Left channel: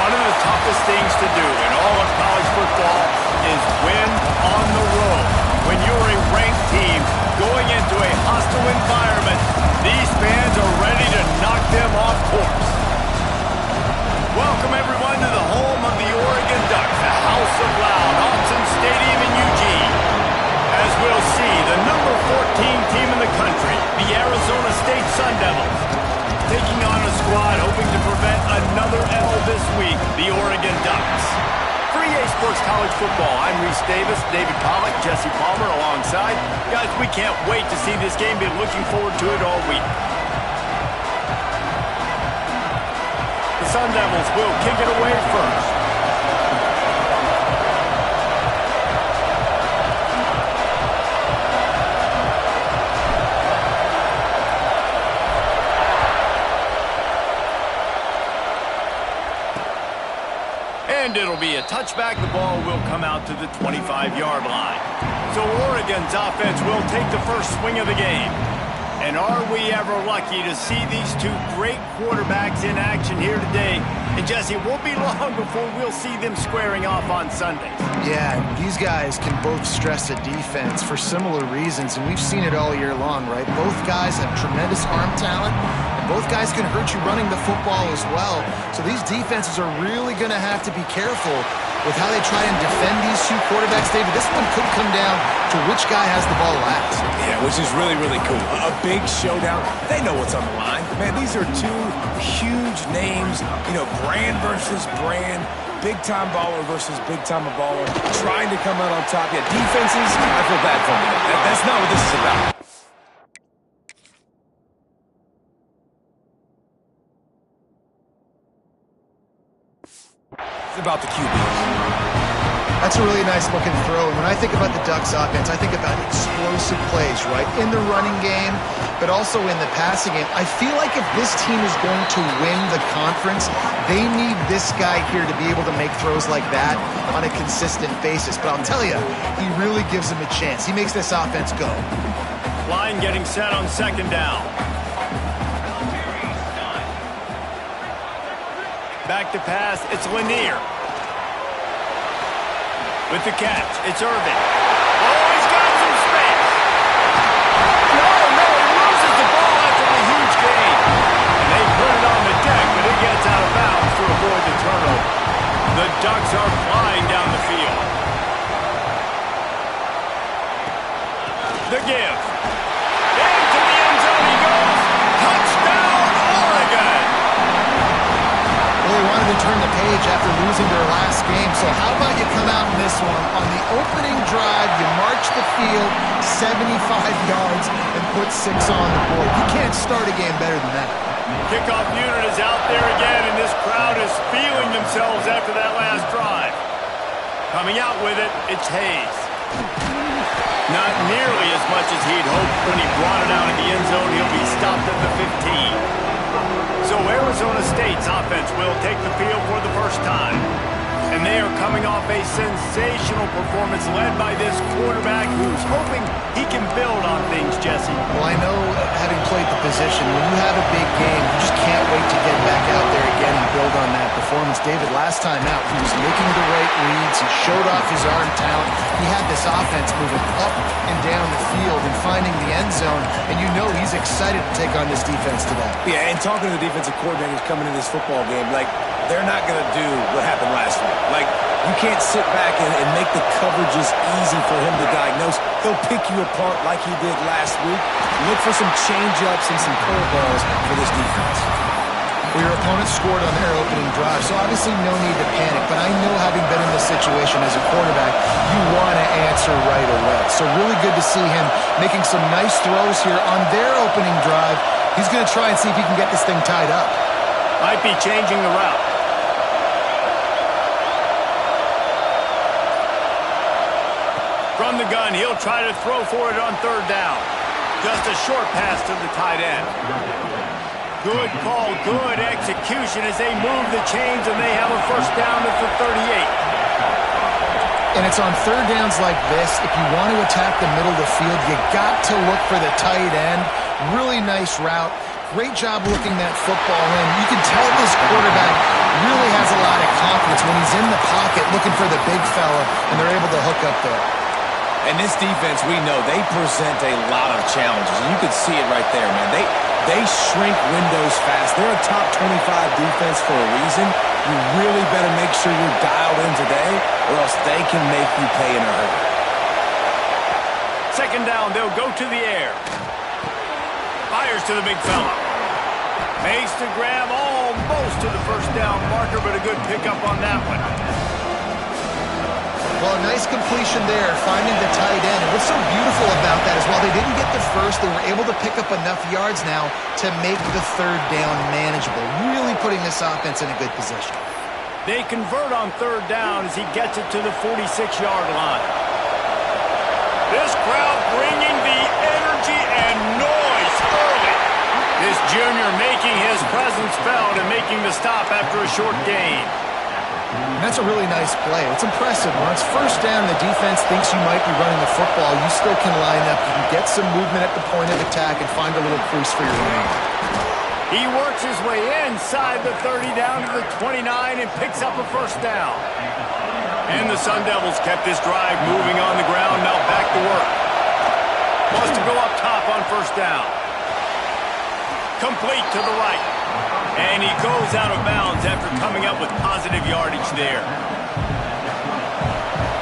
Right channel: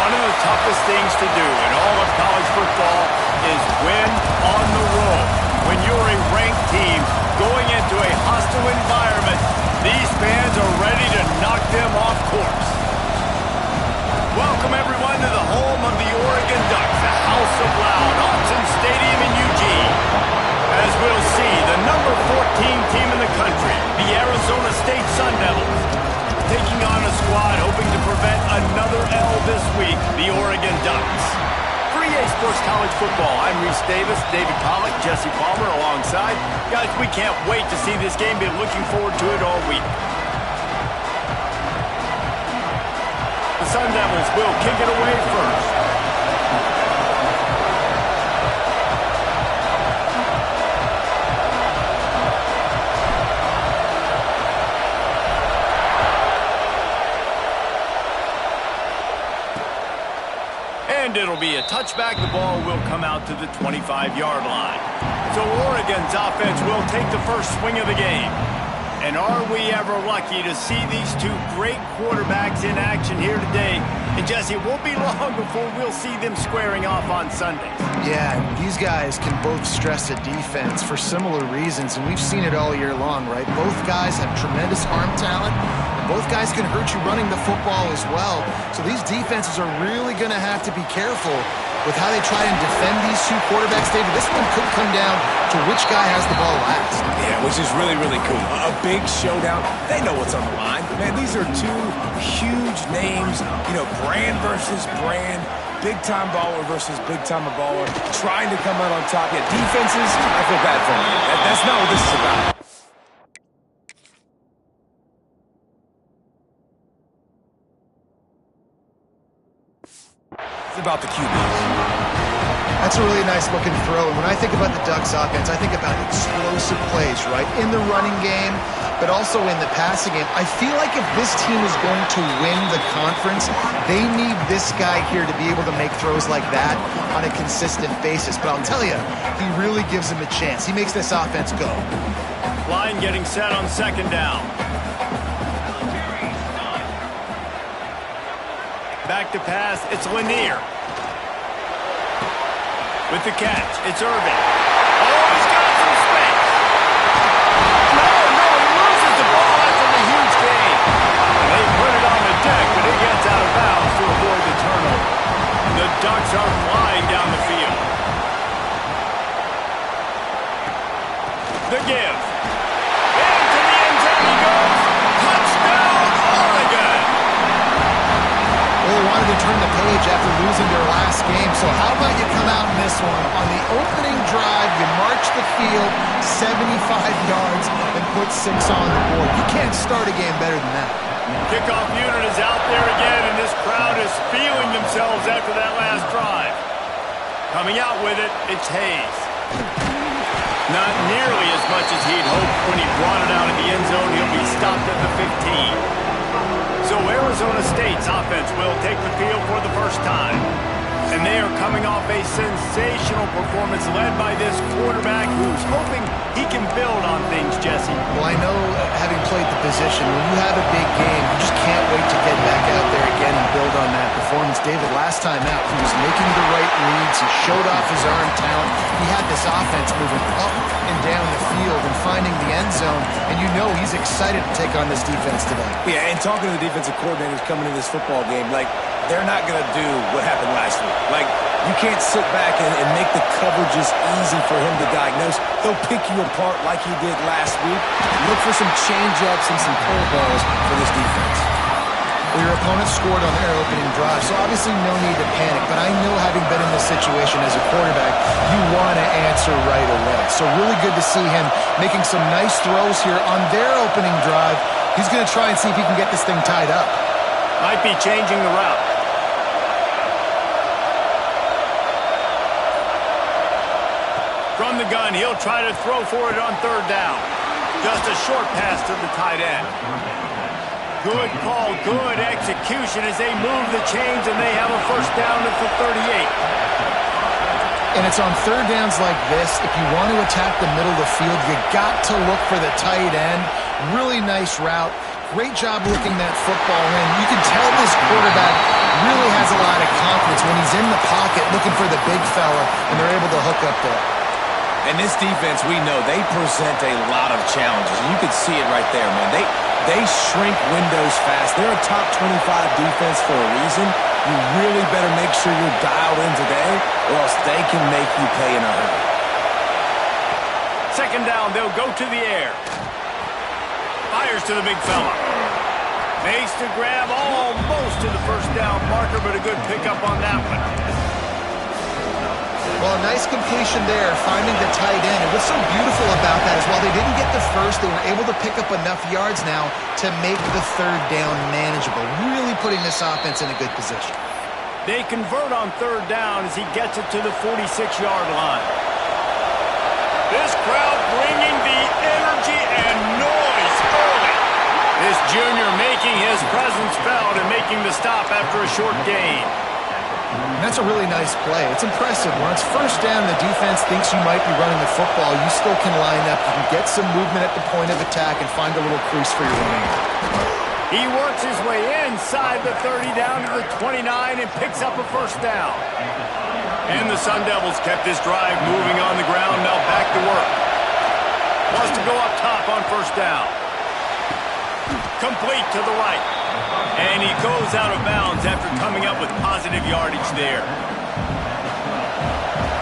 One of the toughest things to do in all of college football is win on the road. When you're a ranked team going into a hostile environment, these fans are ready to knock them off course. Welcome, everyone, to the home of the Oregon Ducks, the House of Loud, Autzen Stadium in Eugene. As we'll see, the number 14 team in the country, the Arizona State Sun Devils, taking on a squad hoping to prevent another L this week, the Oregon Ducks. For EA Sports College Football, I'm Reese Davis, David Pollack, Jesse Palmer alongside. Guys, we can't wait to see this game. Been looking forward to it all week. The Sun Devils will kick it away first. And it'll be a touchback. The ball will come out to the 25-yard line. So Oregon's offense will take the first swing of the game. And are we ever lucky to see these two great quarterbacks in action here today? And Jesse, it won't be long before we'll see them squaring off on Sundays. Yeah, these guys can both stress a defense for similar reasons, and we've seen it all year long, right? Both guys have tremendous arm talent, and both guys can hurt you running the football as well. So these defenses are really going to have to be careful with how they try and defend these two quarterbacks. David, this one could come down to which guy has the ball last. Yeah, which is really, really cool. A big showdown. They know what's on the line. Man, these are two huge names, brand versus brand, big-time baller versus big-time baller, trying to come out on top. Yeah, defenses, I feel bad for them. That's not what this is about. It's about the QBs. That's a really nice looking throw. And when I think about the Ducks offense, I think about explosive plays, right? In the running game, but also in the passing game. I feel like if this team is going to win the conference, they need this guy here to be able to make throws like that on a consistent basis. But I'll tell you, he really gives them a chance. He makes this offense go. Line getting set on second down. Back to pass, it's Lanier. With the catch, it's Irvin. Oh, he's got some space. No, he loses the ball after the huge gain. And they put it on the deck, but it gets out of bounds to avoid the turnover. The Ducks are flying down the field. The give. Into the end zone he goes. Touchdown, Oregon! Well, they wanted to turn the page after losing their last game, so how about you come out in this one? On the opening drive, you march the field 75 yards and put 6 on the board. You can't start a game better than that. Kickoff unit is out there again, and this crowd is feeling themselves after that last drive. Coming out with it, it's Hayes. Not nearly as much as he'd hoped when he brought it out in the end zone. He'll be stopped at the 15. So Arizona State's offense will take the field for the first time. And they are coming off a sensational performance led by this quarterback who's hoping he can build on things, Jesse. Well, I know, having played the position, when you have a big game, you just can't wait to get back out there again and build on that performance. David, last time out, he was making the right reads. He showed off his arm talent. He had this offense moving up and down the field and finding the end zone. And you know he's excited to take on this defense today. Yeah, and talking to the defensive coordinators coming into this football game, they're not going to do what happened last week. You can't sit back and make the coverages easy for him to diagnose. He'll pick you apart like he did last week. Look for some change-ups and some curveballs for this defense. Well, your opponent scored on their opening drive, so obviously no need to panic. But I know, having been in this situation as a quarterback, you want to answer right away. So really good to see him making some nice throws here on their opening drive. He's going to try and see if he can get this thing tied up. Might be changing the route. From the gun, he'll try to throw for it on third down. Just a short pass to the tight end. Good call, good execution as they move the chains, and they have a first down at the 38. And it's on third downs like this, if you want to attack the middle of the field, you got to look for the tight end. Really nice route. Great job looking that football in. You can tell this quarterback really has a lot of confidence when he's in the pocket looking for the big fella, and they're able to hook up there. And this defense, we know, they present a lot of challenges. And you can see it right there, man. They shrink windows fast. They're a top 25 defense for a reason. You really better make sure you're dialed in today, or else they can make you pay in a hurry. Second down, they'll go to the air. Fires to the big fella. Makes the grab almost to the first down marker, but a good pickup on that one. Well, a nice completion there, finding the tight end. And what's so beautiful about that is while they didn't get the first, they were able to pick up enough yards now to make the third down manageable, really putting this offense in a good position. They convert on third down as he gets it to the 46-yard line. This crowd bringing the energy and noise early. This junior making his presence felt and making the stop after a short gain. And that's a really nice play. It's impressive. When it's first down and the defense thinks you might be running the football, you still can line up. You can get some movement at the point of attack and find a little crease for your running back. He works his way inside the 30 down to the 29 and picks up a first down. And the Sun Devils kept this drive moving on the ground, now back to work. Wants to go up top on first down. Complete to the right. And he goes out of bounds after coming up with positive yardage there.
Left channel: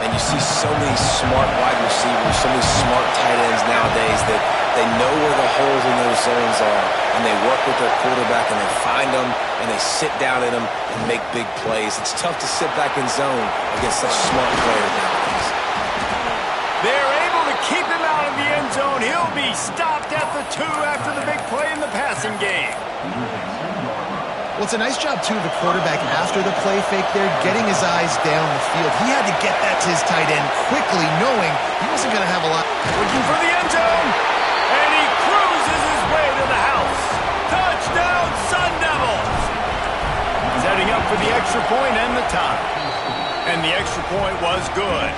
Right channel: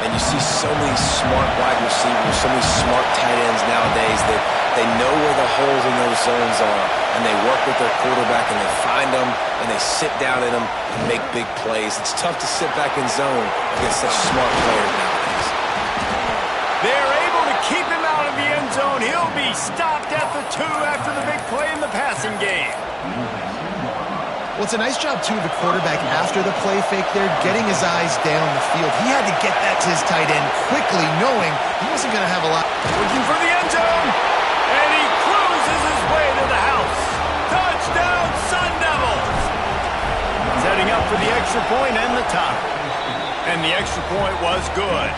And you see so many smart wide receivers, so many smart tight ends nowadays that they know where the holes in those zones are, and they work with their quarterback, and they find them, and they sit down in them and make big plays. It's tough to sit back in zone against such smart players nowadays. They're able to keep him out of the end zone. He'll be stopped at the 2 after the big play in the passing game. Well, it's a nice job, too, of the quarterback after the play fake there, getting his eyes down the field. He had to get that to his tight end quickly, knowing he wasn't going to have a lot. Looking for the end zone, and he cruises his way to the house. Touchdown, Sun Devils! Setting up for the extra point and the tie. And the extra point was good.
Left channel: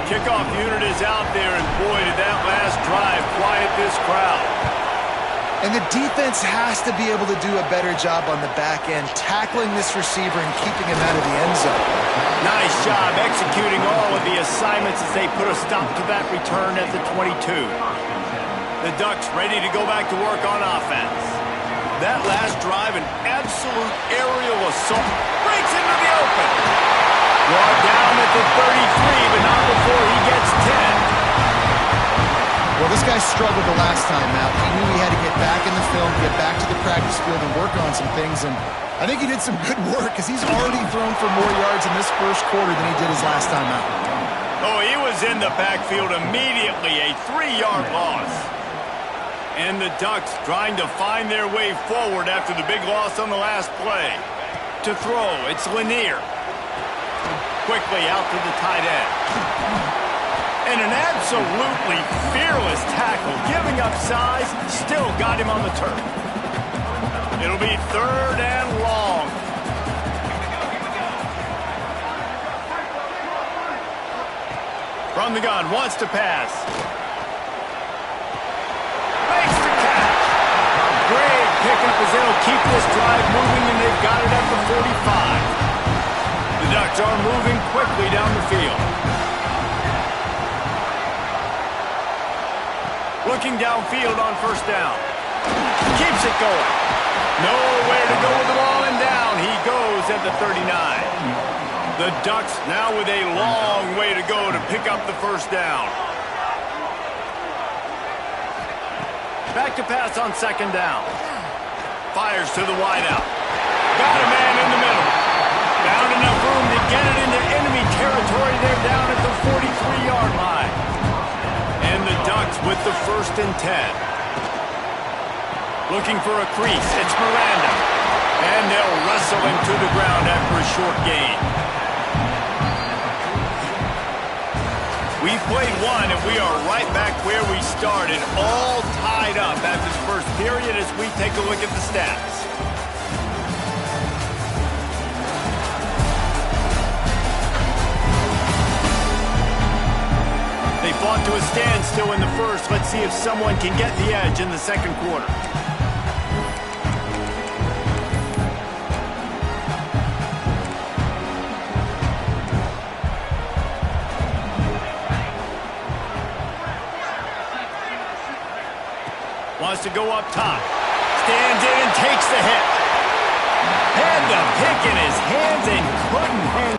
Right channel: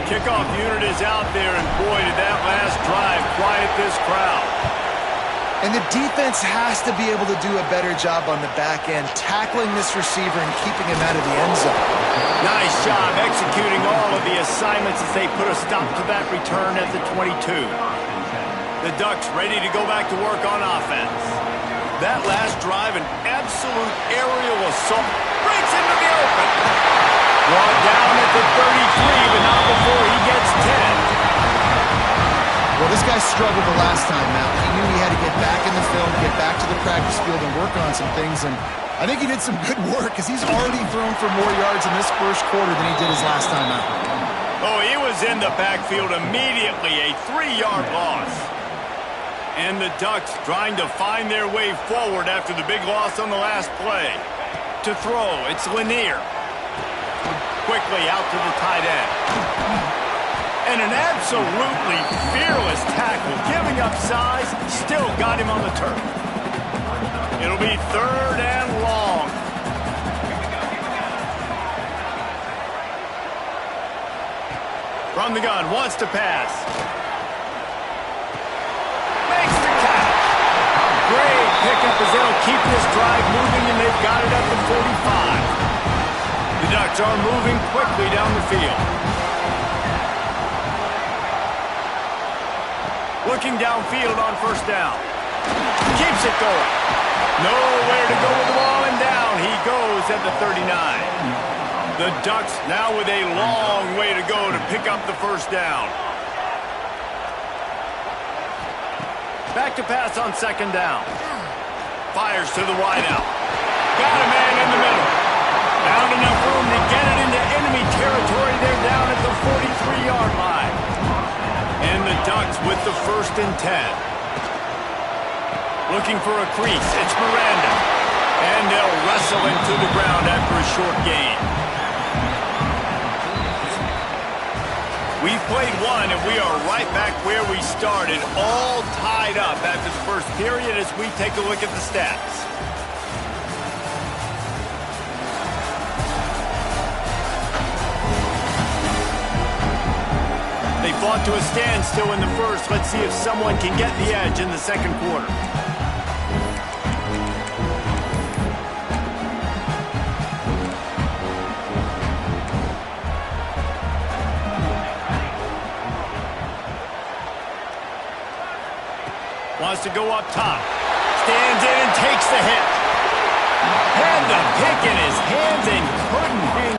The kickoff unit is out there, and boy, did that last drive quiet this crowd. And the defense has to be able to do a better job on the back end, tackling this receiver and keeping him out of the end zone. Nice job executing all of the assignments as they put a stop to that return at the 22. The Ducks ready to go back to work on offense. That last drive, an absolute aerial assault, breaks into the open. Brought down at the 33, but not before he gets 10. Well, this guy struggled the last time out. He knew he had to get back in the film, get back to the practice field, and work on some things. And I think he did some good work because he's already thrown for more yards in this first quarter than he did his last time out. Oh, he was in the backfield immediately, a 3-yard loss. And the Ducks trying to find their way forward after the big loss on the last play. To throw, it's Lanier. Quickly out to the tight end. And an absolutely fearless tackle, giving up size, still got him on the turf. It'll be third and long. From the gun, wants to pass. Makes the catch. Great pickup as they'll keep this drive moving, and they've got it at the 45. The Ducks are moving quickly down the field. Looking downfield on first down. Keeps it going. Nowhere to go with the ball, and down he goes at the 39. The Ducks now with a long way to go to pick up the first down. Back to pass on second down. Fires to the wideout. Got a man in the middle. Found enough room to get it into enemy territory. They're down at the 43-yard line. And the Ducks with the 1st and 10. Looking for a crease. It's Miranda. And they'll wrestle him to the ground after a short gain. We've played one, and we are right back where we started, all tied up after the first period as we take a look at the stats. They fought to a standstill in the first. Let's see if someone can get the edge in the second quarter. Wants to go up top. Stands in and takes the hit. Had the pick in his hands and couldn't hang.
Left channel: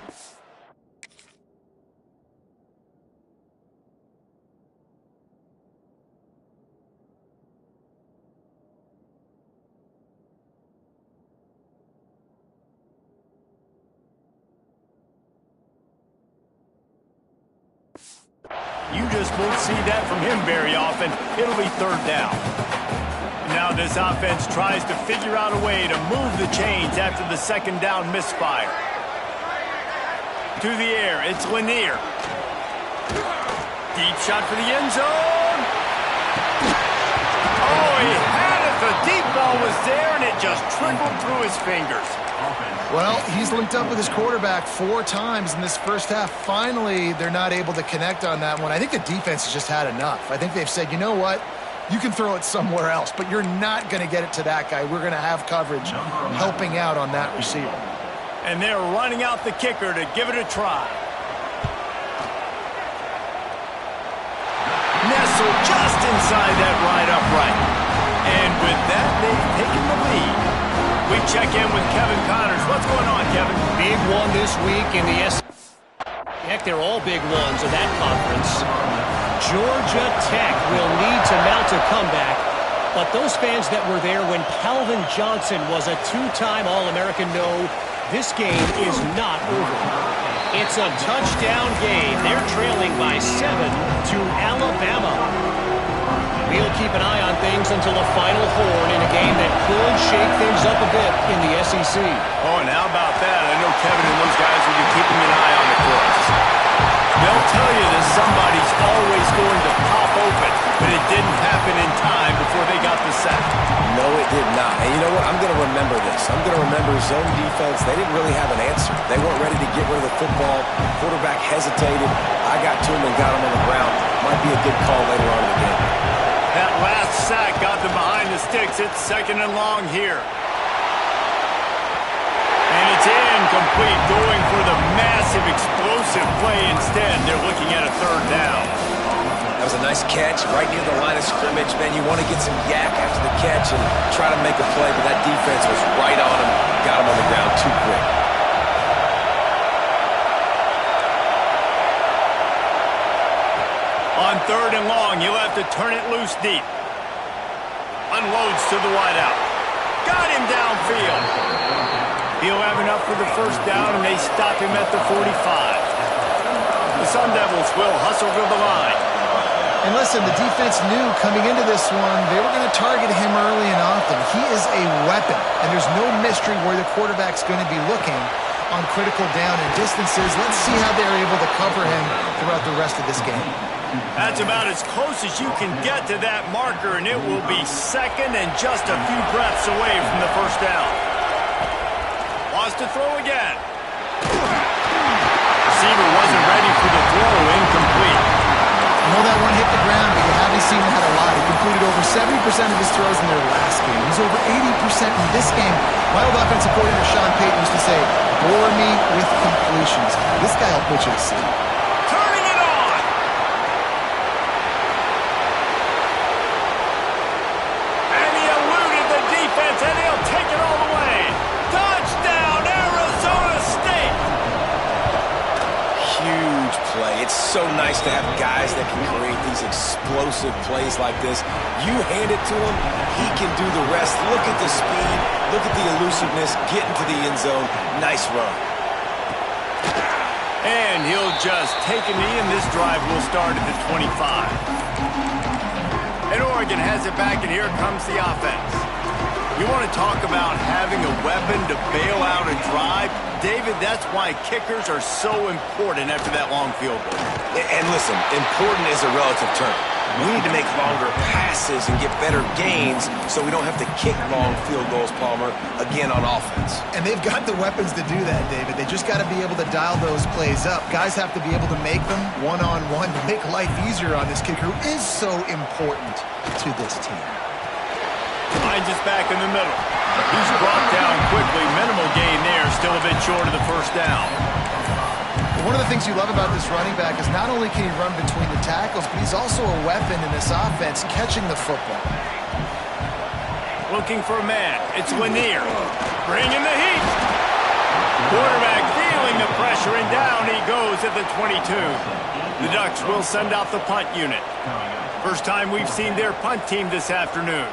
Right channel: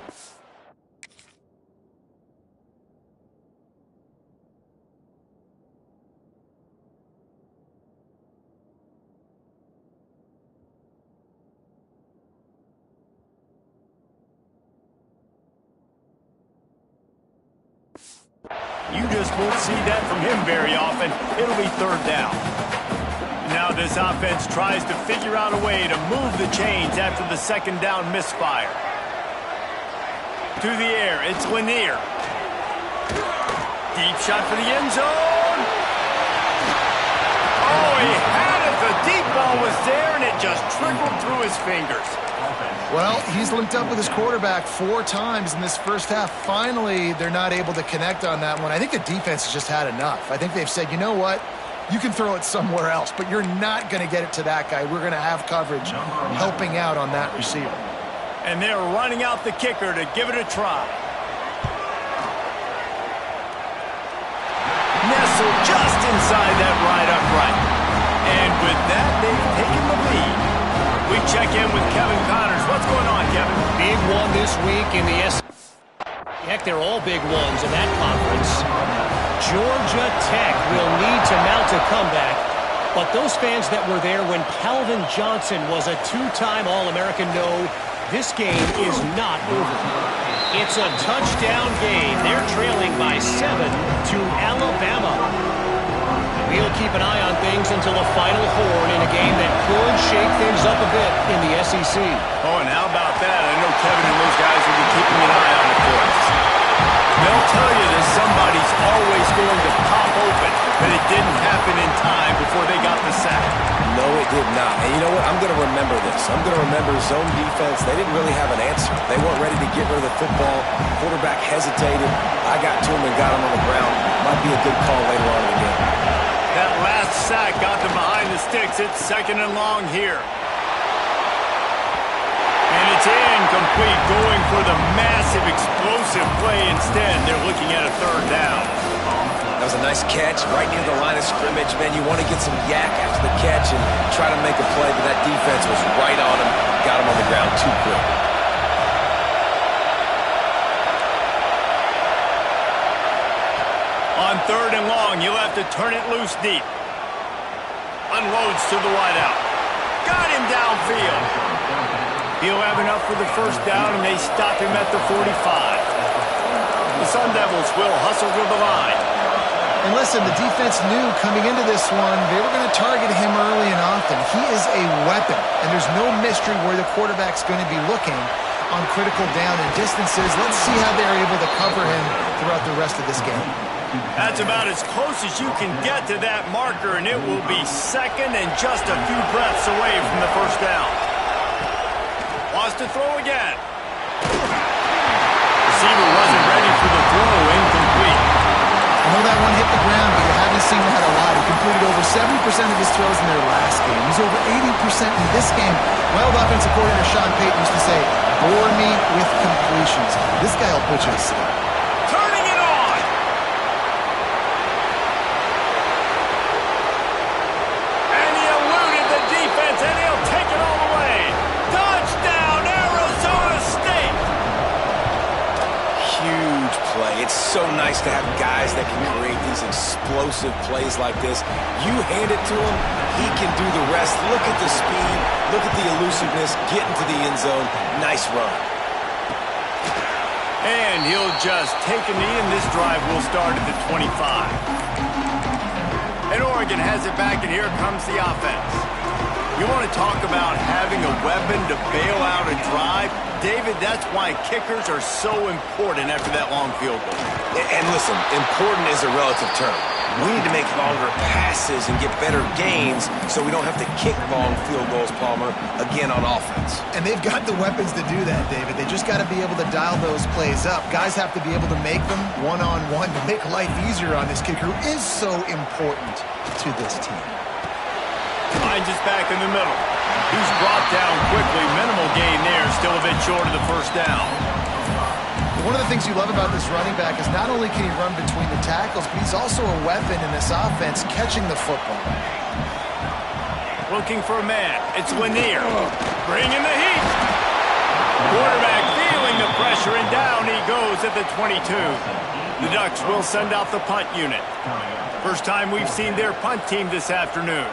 You just won't see that from him very often. It'll be third down. Now this offense tries to figure out a way to move the chains after the second down misfire. To the air, it's Lanier. Deep shot for the end zone. Oh, he had it. The deep ball was there, and it just trickled through his fingers. Well, he's linked up with his quarterback 4 times in this first half. Finally, they're not able to connect on that one. I think the defense has just had enough. I think they've said, you know what? You can throw it somewhere else, but you're not going to get it to that guy. We're going to have coverage helping out on that receiver. And they're running out the kicker to give it a try. Nestled just inside that right upright. And with that, they've taken the lead. We check in with Kevin Connors. What's going on, Kevin? Big one this week in the Heck, they're all big ones in that conference. Georgia Tech will need to mount a comeback, but those fans that were there when Calvin Johnson was a 2-time All-American know this game is not over. It's a touchdown game. They're trailing by 7 to Alabama. We'll keep an eye on things until the final horn in a game that could shake things up a bit in the SEC. Oh, and how about that? I know Kevin and those guys will be keeping an eye on it for us. They'll tell you that somebody's always going to pop open, but it didn't happen in time before they got the sack. No, it did not. And you know what? I'm going to remember this. I'm going to remember zone defense. They didn't really have an answer. They weren't ready to get rid of the football. Quarterback hesitated. I got to him and got him on the ground. Might be a good call later on in the game. That last sack got them behind the sticks. It's 2nd and long here. And it's incomplete, going for the massive explosive play instead. They're looking at a 3rd down. That was a nice catch right near the line of scrimmage. Man, you want to get some yak after the catch and try to make a play, but that defense was right on him. Got him on the ground too quick. On 3rd and long, he'll have to turn it loose deep. Unloads to the wideout. Got him downfield. He'll have enough for the 1st down, and they stop him at the 45. The Sun Devils will hustle to the line. And listen, the defense knew coming into this one, they were going to target him early and often. He is a weapon, and there's no mystery where the quarterback's going to be looking on critical down and distances. Let's see how they're able to cover him throughout the rest of this game. That's about as close as you can get to that marker, and it will be 2nd and just a few breaths away from the 1st down. Wants to throw again. Receiver wasn't ready for the throw, incomplete. I know that one hit the ground, but you haven't seen that a lot. He completed over 70% of his throws in their last game. He's over 80% in this game. My old offensive coordinator, Sean Payton, used to say, bore me with completions. This guy will put you to sleep. Turning it on. And he eluded the defense, and he'll take it all the way. Touchdown, Arizona State. Huge play. It's so nice to have guys that can create these explosive plays like this. You hand it to him, he can do the rest. Look at the speed, look at the elusiveness, get into the end zone. Nice run. And he'll just take a knee, and this drive will start at the 25. And Oregon has it back, and here comes the offense. You want to talk about having a weapon to bail out a drive? David, that's why kickers are so important after that long field goal. And listen, important is a relative term. We need to make longer passes and get better gains so we don't have to kick long field goals, Palmer, again on offense. And they've got the weapons to do that, David. They just got to be able to dial those plays up. Guys have to be able to make them one-on-one to make life easier on this kicker who is so important to this team. Finds us back in the middle. He's brought down quickly. Minimal gain there. Still a bit short of the 1st down. One of the things you love about this running back is not only can he run between the tackles, but he's also a weapon in this offense catching the football. looking for a man. It's Lanier. Bringing the heat. Quarterback feeling the pressure, and down he goes at the 22. The Ducks will send out the punt unit. First time we've seen their punt team this afternoon.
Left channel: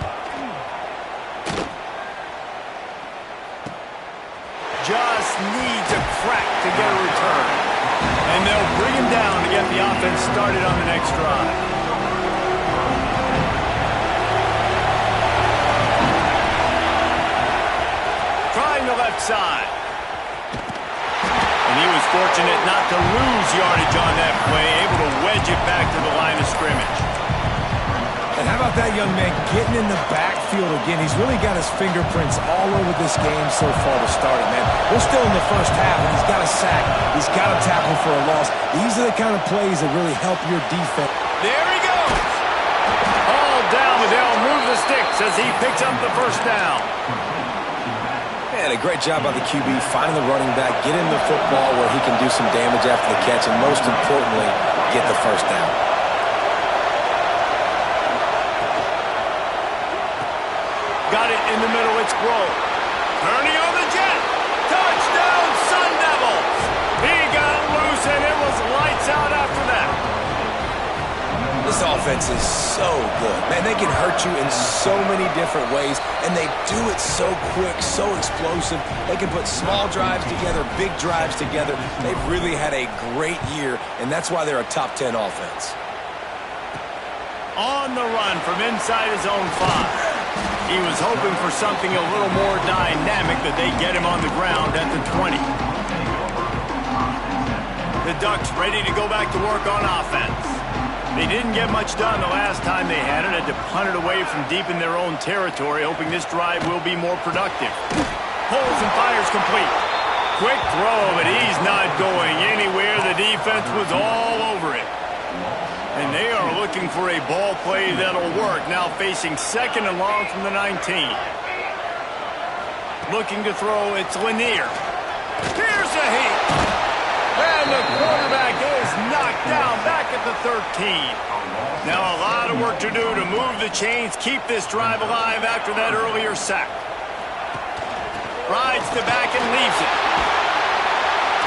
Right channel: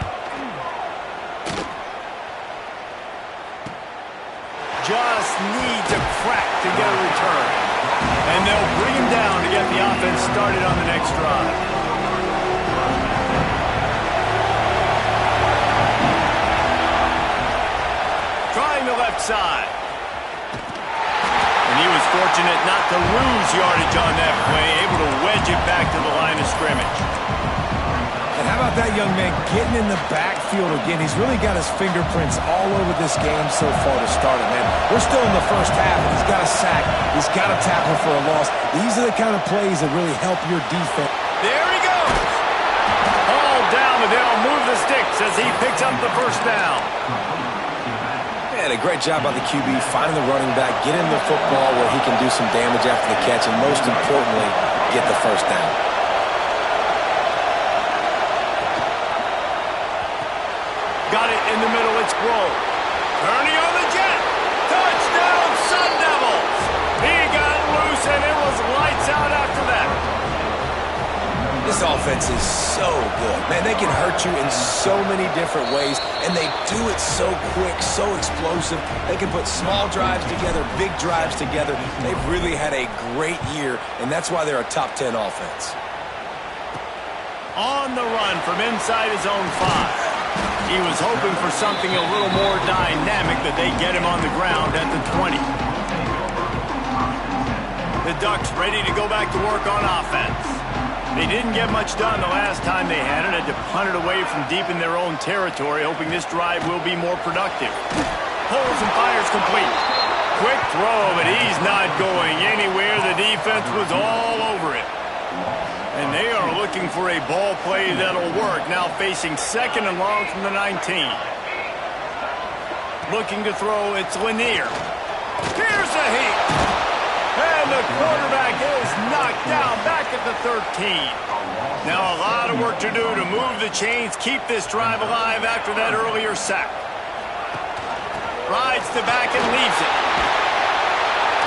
Just needs a crack to get a return. And they'll bring him down to get the offense started on the next drive. Trying the left side. And he was fortunate not to lose yardage on that play, able to wedge it back to the line of scrimmage. And how about that young man getting in the backfield again? He's really got his fingerprints all over this game so far to start it, man. We're still in the first half, and he's got a sack. He's got a tackle for a loss. These are the kind of plays that really help your defense. There he goes. All down, but they'll move the sticks as he picks up the first down. Man, a great job by the QB finding the running back, get him the football where he can do some damage after the catch, and most importantly, get the first down. Got it in the middle, it's Grove. Turning on the jet. Touchdown, Sun Devils. He got loose, and it was lights out after that. This offense is so good. Man, they can hurt you in so many different ways, and they do it so quick, so explosive. They can put small drives together, big drives together. They've really had a great year, and that's why they're a top 10 offense. On the run from inside his own 5. He was hoping for something a little more dynamic, that they get him on the ground at the 20. The Ducks ready to go back to work on offense. They didn't get much done the last time they had it. Had to punt it away from deep in their own territory, hoping this drive will be more productive. Pulls and fires complete. Quick throw, but he's not going anywhere. The defense was all over it. And they are looking for a ball play that'll work. Now facing 2nd and long from the 19. Looking to throw, it's Lanier. Here's a heat. And the quarterback is knocked down back at the 13. Now a lot of work to do to move the chains, keep this drive alive after that earlier sack. Rides to back and leaves it.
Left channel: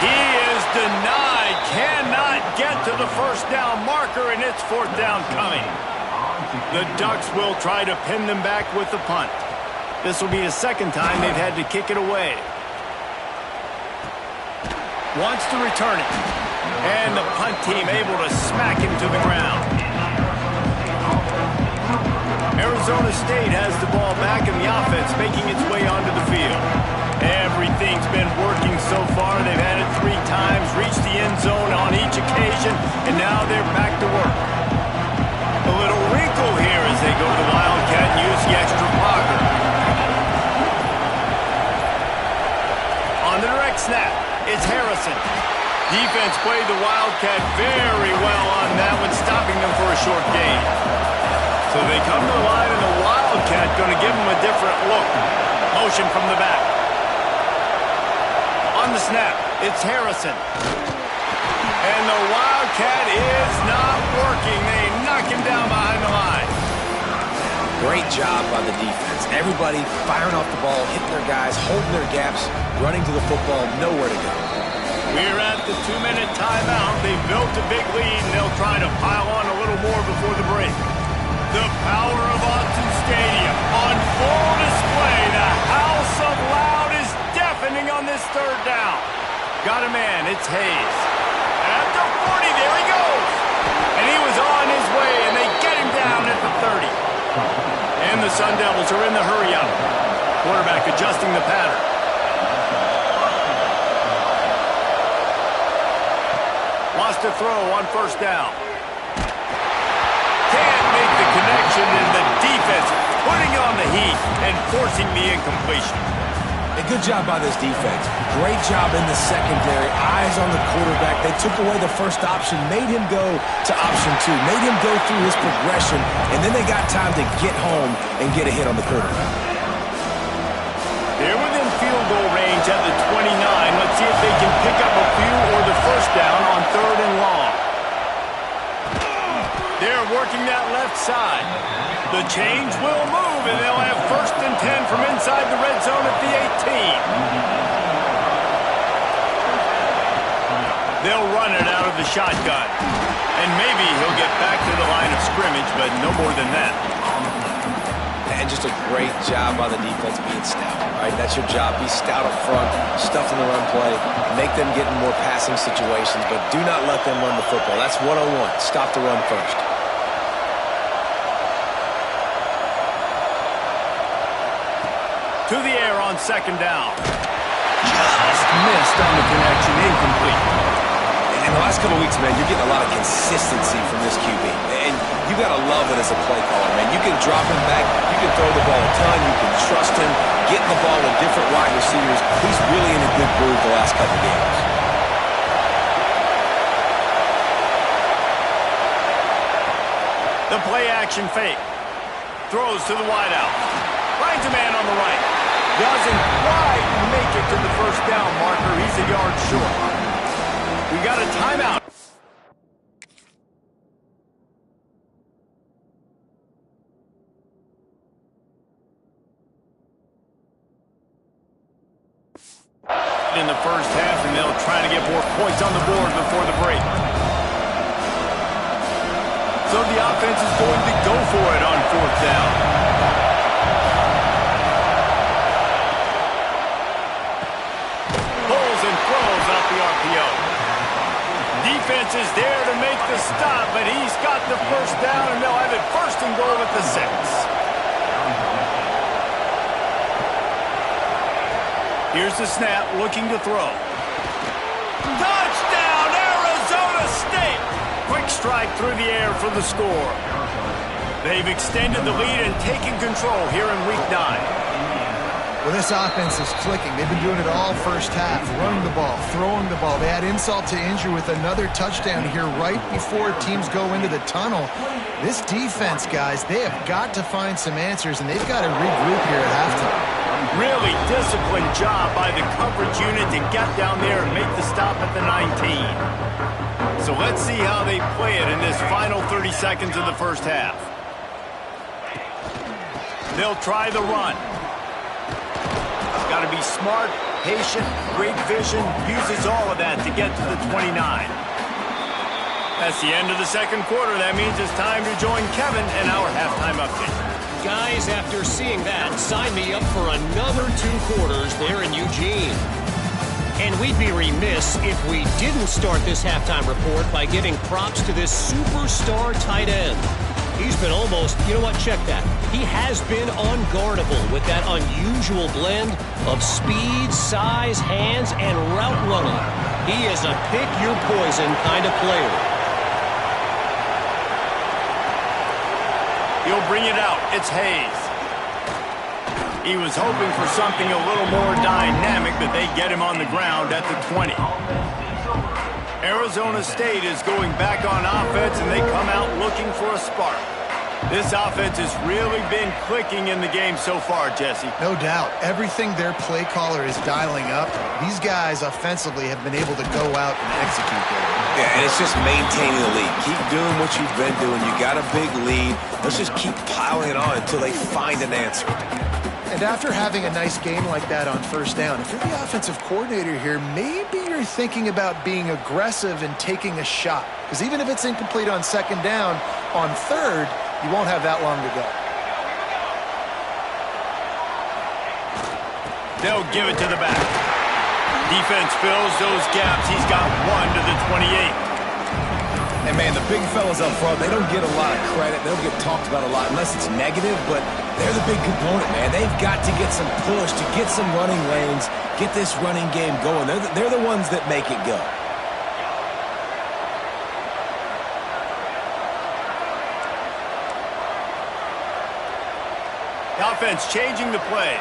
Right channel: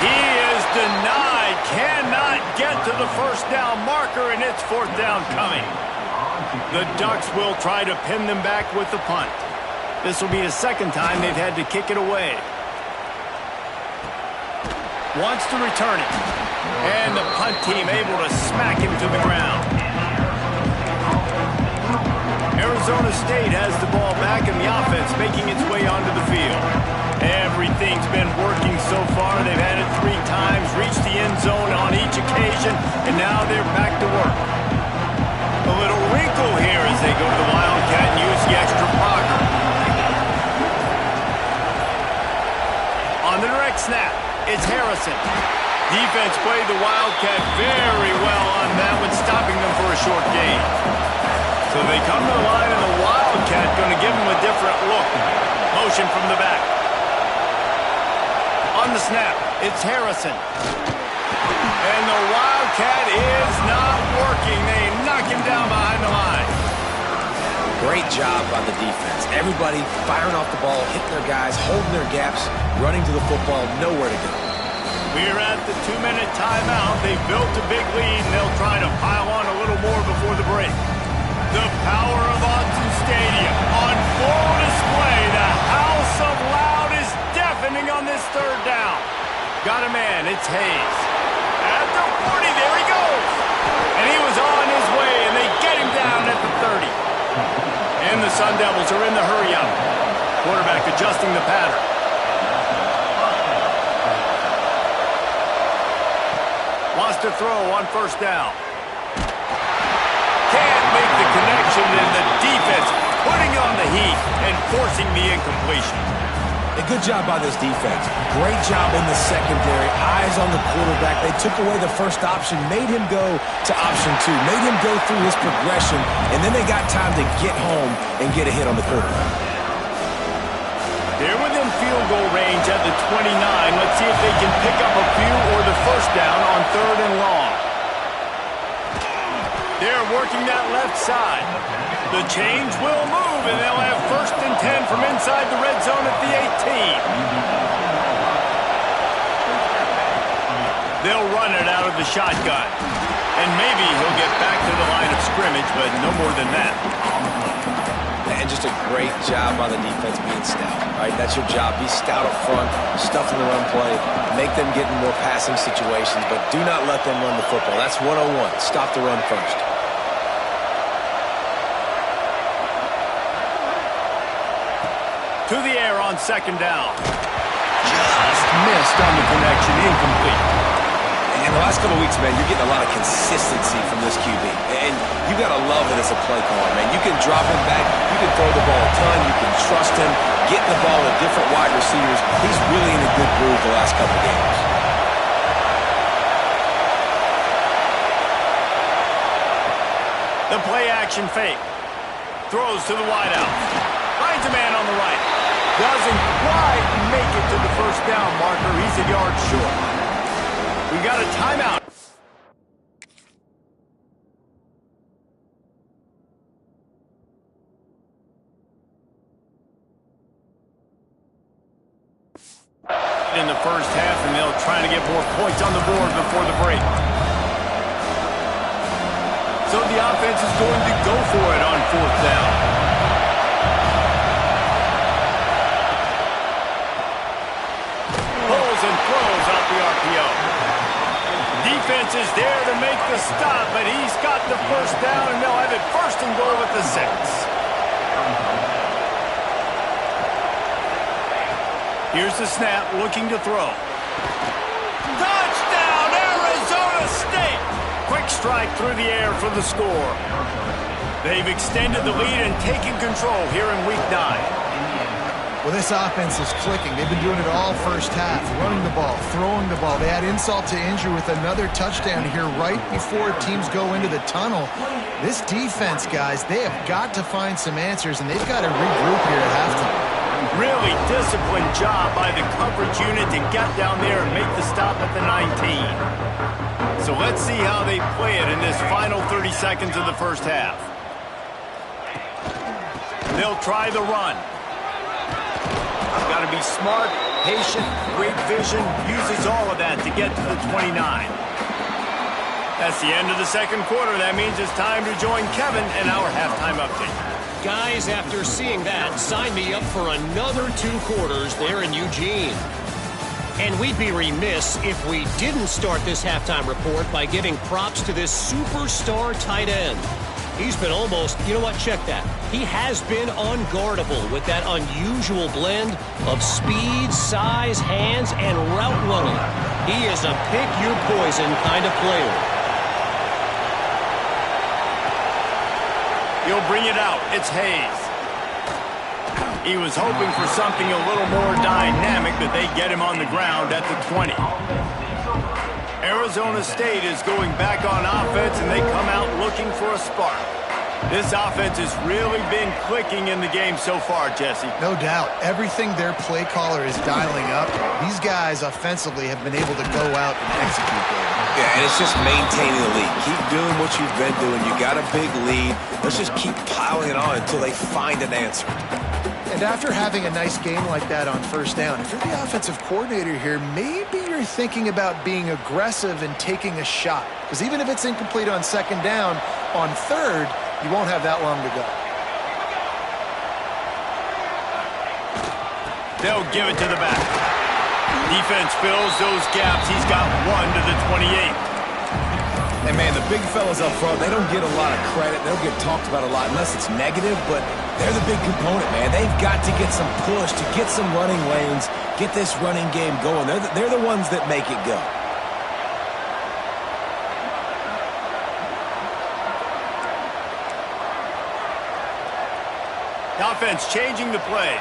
He is denied, cannot get to the first down marker, and it's 4th down coming. The Ducks will try to pin them back with the punt. This will be the 2nd time they've had to kick it away. Wants to return it. And the punt team able to smack him to the ground. Arizona State has the ball back, and the offense making its way onto the field. Everything's been working so far. They've had it 3 times, reached the end zone on each occasion, and now they're back to work. A little wrinkle here as they go to the Wildcat and use the extra blocker. On the direct snap, it's Harrison. Defense played the Wildcat very well on that one, stopping them for a short gain. So they come to the line, and the Wildcat going to give them a different look. Motion from the back. On the snap, it's Harrison. And the Wildcat is not working. They knock him down behind the line. Great job by the defense. Everybody firing off the ball, hitting their guys, holding their gaps, running to the football, nowhere to go. We're at the 2-minute timeout. They've built a big lead, and they'll try to pile on a little more before the break. The power of Autzen Stadium on full display. The House of Loud is deafening on this 3rd down. Got a man, it's Hayes. At the 40, there he goes. And he was on his way, and they get him down at the 30. And the Sun Devils are in the hurry-up. Quarterback adjusting the pattern. Wants to throw on 1st down. Can't make the connection, and the defense putting on the heat and forcing the incompletion. A good job by this defense. Great job in the secondary. Eyes on the quarterback. They took away the first option, made him go to option 2, made him go through his progression, and then they got time to get home and get a hit on the quarterback. They're within field goal range at the 29. Let's see if they can pick up a few or the first down on 3rd and long. They're working that left side. The change will move, and they'll have 1st and 10 from inside the red zone at the 18. They'll run it out of the shotgun. And maybe he'll get back to the line of scrimmage, but no more than that. And just a great job by the defense being stout. All right, that's your job. Be stout up front, stuff in the run play, make them get in more passing situations, but do not let them run the football. That's 101. Stop the run first. To the air on 2nd down. Just missed on the connection, incomplete. In the last couple of weeks, man, you're getting a lot of consistency from this QB. And you got to love it as a play caller, man. You can drop him back. You can throw the ball a ton. You can trust him, getting the ball to different wide receivers. He's really in a good groove the last couple of games. The play action fake. Throws to the wideout. Finds a man on the right. Doesn't quite make it to the 1st down marker. He's a yard short. We got a timeout. In the 1st half, and they'll try to get more points on the board before the break. So the offense is going to go for it on 4th down. Pulls and throws out the RPO. Defense is there to make the stop, but he's got the 1st down, and they'll have it 1st and goal at the 6. Here's the snap, looking to throw. Touchdown, Arizona State! Quick strike through the air for the score. They've extended the lead and taken control here in Week 9. Well, this offense is clicking. They've been doing it all 1st half, running the ball, throwing the ball. They add insult to injury with another touchdown here right before teams go into the tunnel. This defense, guys, they have got to find some answers, and they've got to regroup here at halftime. Really disciplined job by the coverage unit to get down there and make the stop at the 19. So let's see how they play it in this final 30 seconds of the 1st half. They'll try the run. Got to be smart, patient, great vision, uses all of that to get to the 29. That's the end of the 2nd quarter. That means it's time to join Kevin in our halftime update. Guys, after seeing that, sign me up for another 2 quarters there in Eugene. And we'd be remiss if we didn't start this halftime report by giving props to this superstar tight end. He's been almost, you know what, check that. He has been unguardable with that unusual blend of speed, size, hands, and route running. He is a pick-your-poison kind of player. He'll bring it out. It's Hayes. He was hoping for something a little more dynamic, but they get him on the ground at the 20. Arizona State is going back on offense, and they come out looking for a spark. This offense has really been clicking in the game so far, Jesse. No doubt. Everything their play caller is dialing up, these guys offensively have been able to go out and execute there. Yeah, and it's just maintaining the lead. Keep doing what you've been doing. You got a big lead. Let's just keep piling it on until they find an answer. And after having a nice game like that on 1st down, if you're the offensive coordinator here, maybe you're thinking about being aggressive and taking a shot. Because even if it's incomplete on 2nd down, on 3rd, you won't have that long to go. They'll give it to the back. Defense fills those gaps. He's got 1 to the 28. And, man, the big fellas up front, they don't get a lot of credit. They don't get talked about a lot unless it's negative, but they're the big component, man. They've got to get some push, to get some running lanes, get this running game going. They're the ones that make it go. The offense changing the play.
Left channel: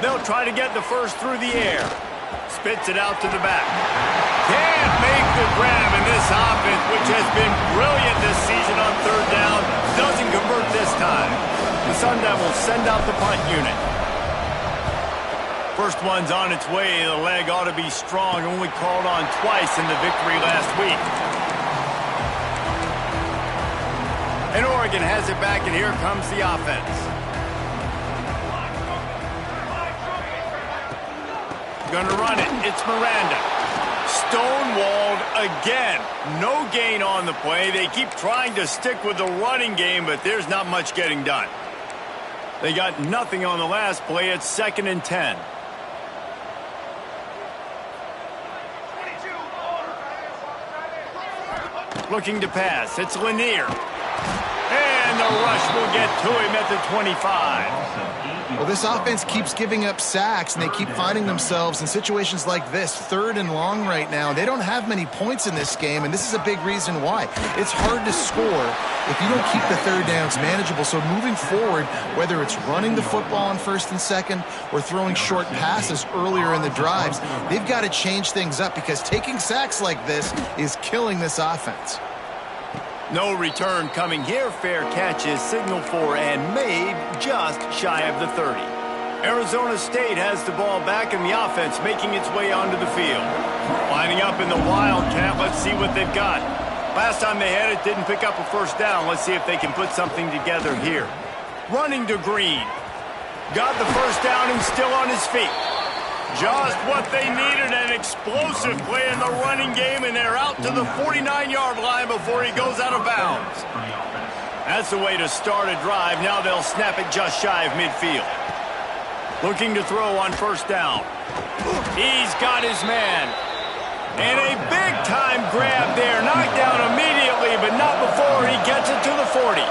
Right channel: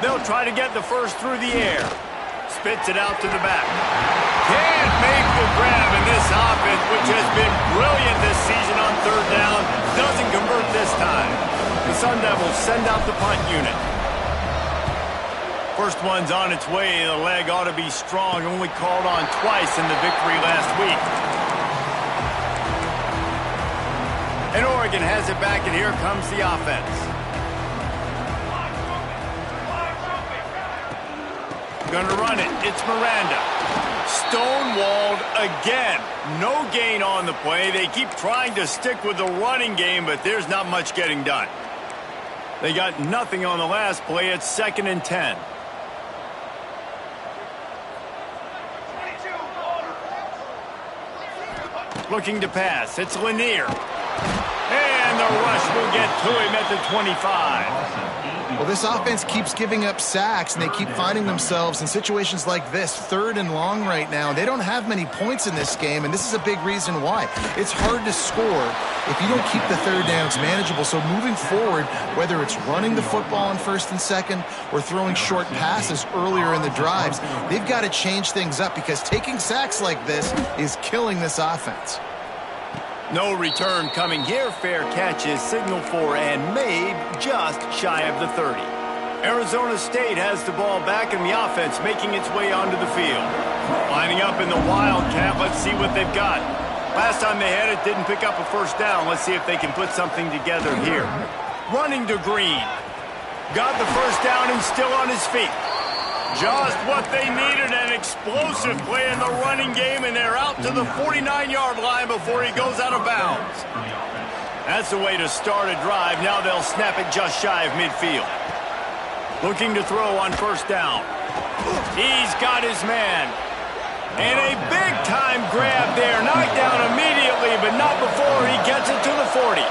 They'll try to get the 1st through the air. Spits it out to the back. Can't make the grab, and this offense, which has been brilliant this season on 3rd down, doesn't convert this time. The Sun Devils send out the punt unit. First one's on its way. The leg ought to be strong. Only called on twice in the victory last week. And Oregon has it back, and here comes the offense. Gonna run it. It's Miranda. Stonewalled again. No gain on the play. They keep trying to stick with the running game, but there's not much getting done. They got nothing on the last play. It's 2nd and 10. Looking to pass. It's Lanier. And the rush will get to him at the 25. Well, this offense keeps giving up sacks, and they keep finding themselves in situations like this, 3rd and long right now. They don't have many points in this game, and this is a big reason why. It's hard to score if you don't keep the 3rd downs manageable. So moving forward, whether it's running the football on 1st and 2nd or throwing short passes earlier in the drives, they've got to change things up because taking sacks like this is killing this offense. No return coming here. Fair catch is signaled for and made just shy of the 30. Arizona State has the ball back in the offense, making its way onto the field. Lining up in the Wildcat. Let's see what they've got. Last time they had it, didn't pick up a first down. Let's see if they can put something together here. Running to Green. Got the first down and still on his feet. Just what they needed, an explosive play in the running game, and they're out to the 49-yard line before he goes out of bounds. That's the way to start a drive. Now they'll snap it just shy of midfield. Looking to throw on first down. He's got his man. And a big-time grab there. Knocked down immediately, but not before he gets it to the 40.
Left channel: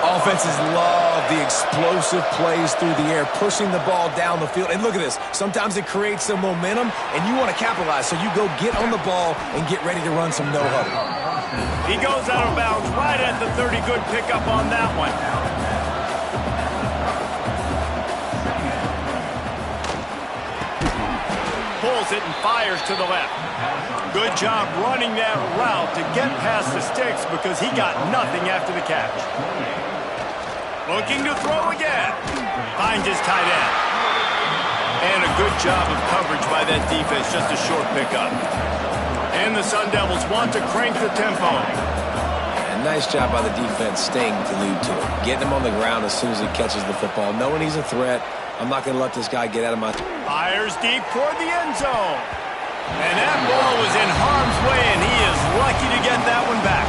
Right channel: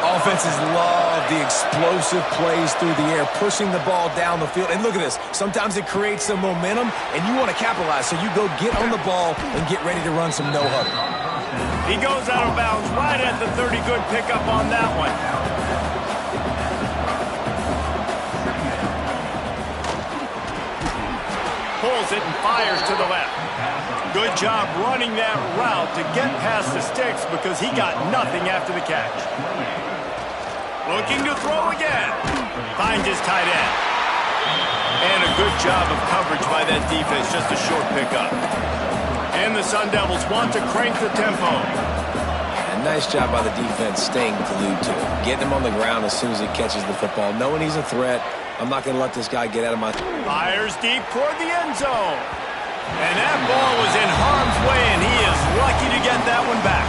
Offenses love the explosive plays through the air, pushing the ball down the field. And look at this. Sometimes it creates some momentum, and you want to capitalize. So you go get on the ball and get ready to run some no-huddle. He goes out of bounds right at the 30. Good pickup on that one. Pulls it and fires to the left. Good job running that route to get past the sticks because he got nothing after the catch. Looking to throw again. Finds his tight end. And a good job of coverage by that defense. Just a short pickup. And the Sun Devils want to crank the tempo. And nice job by the defense staying glued to him. Getting him on the ground as soon as he catches the football. Knowing he's a threat. I'm not going to let this guy get out of my... Fires deep toward the end zone. And that ball was in harm's way, and he is lucky to get that one back.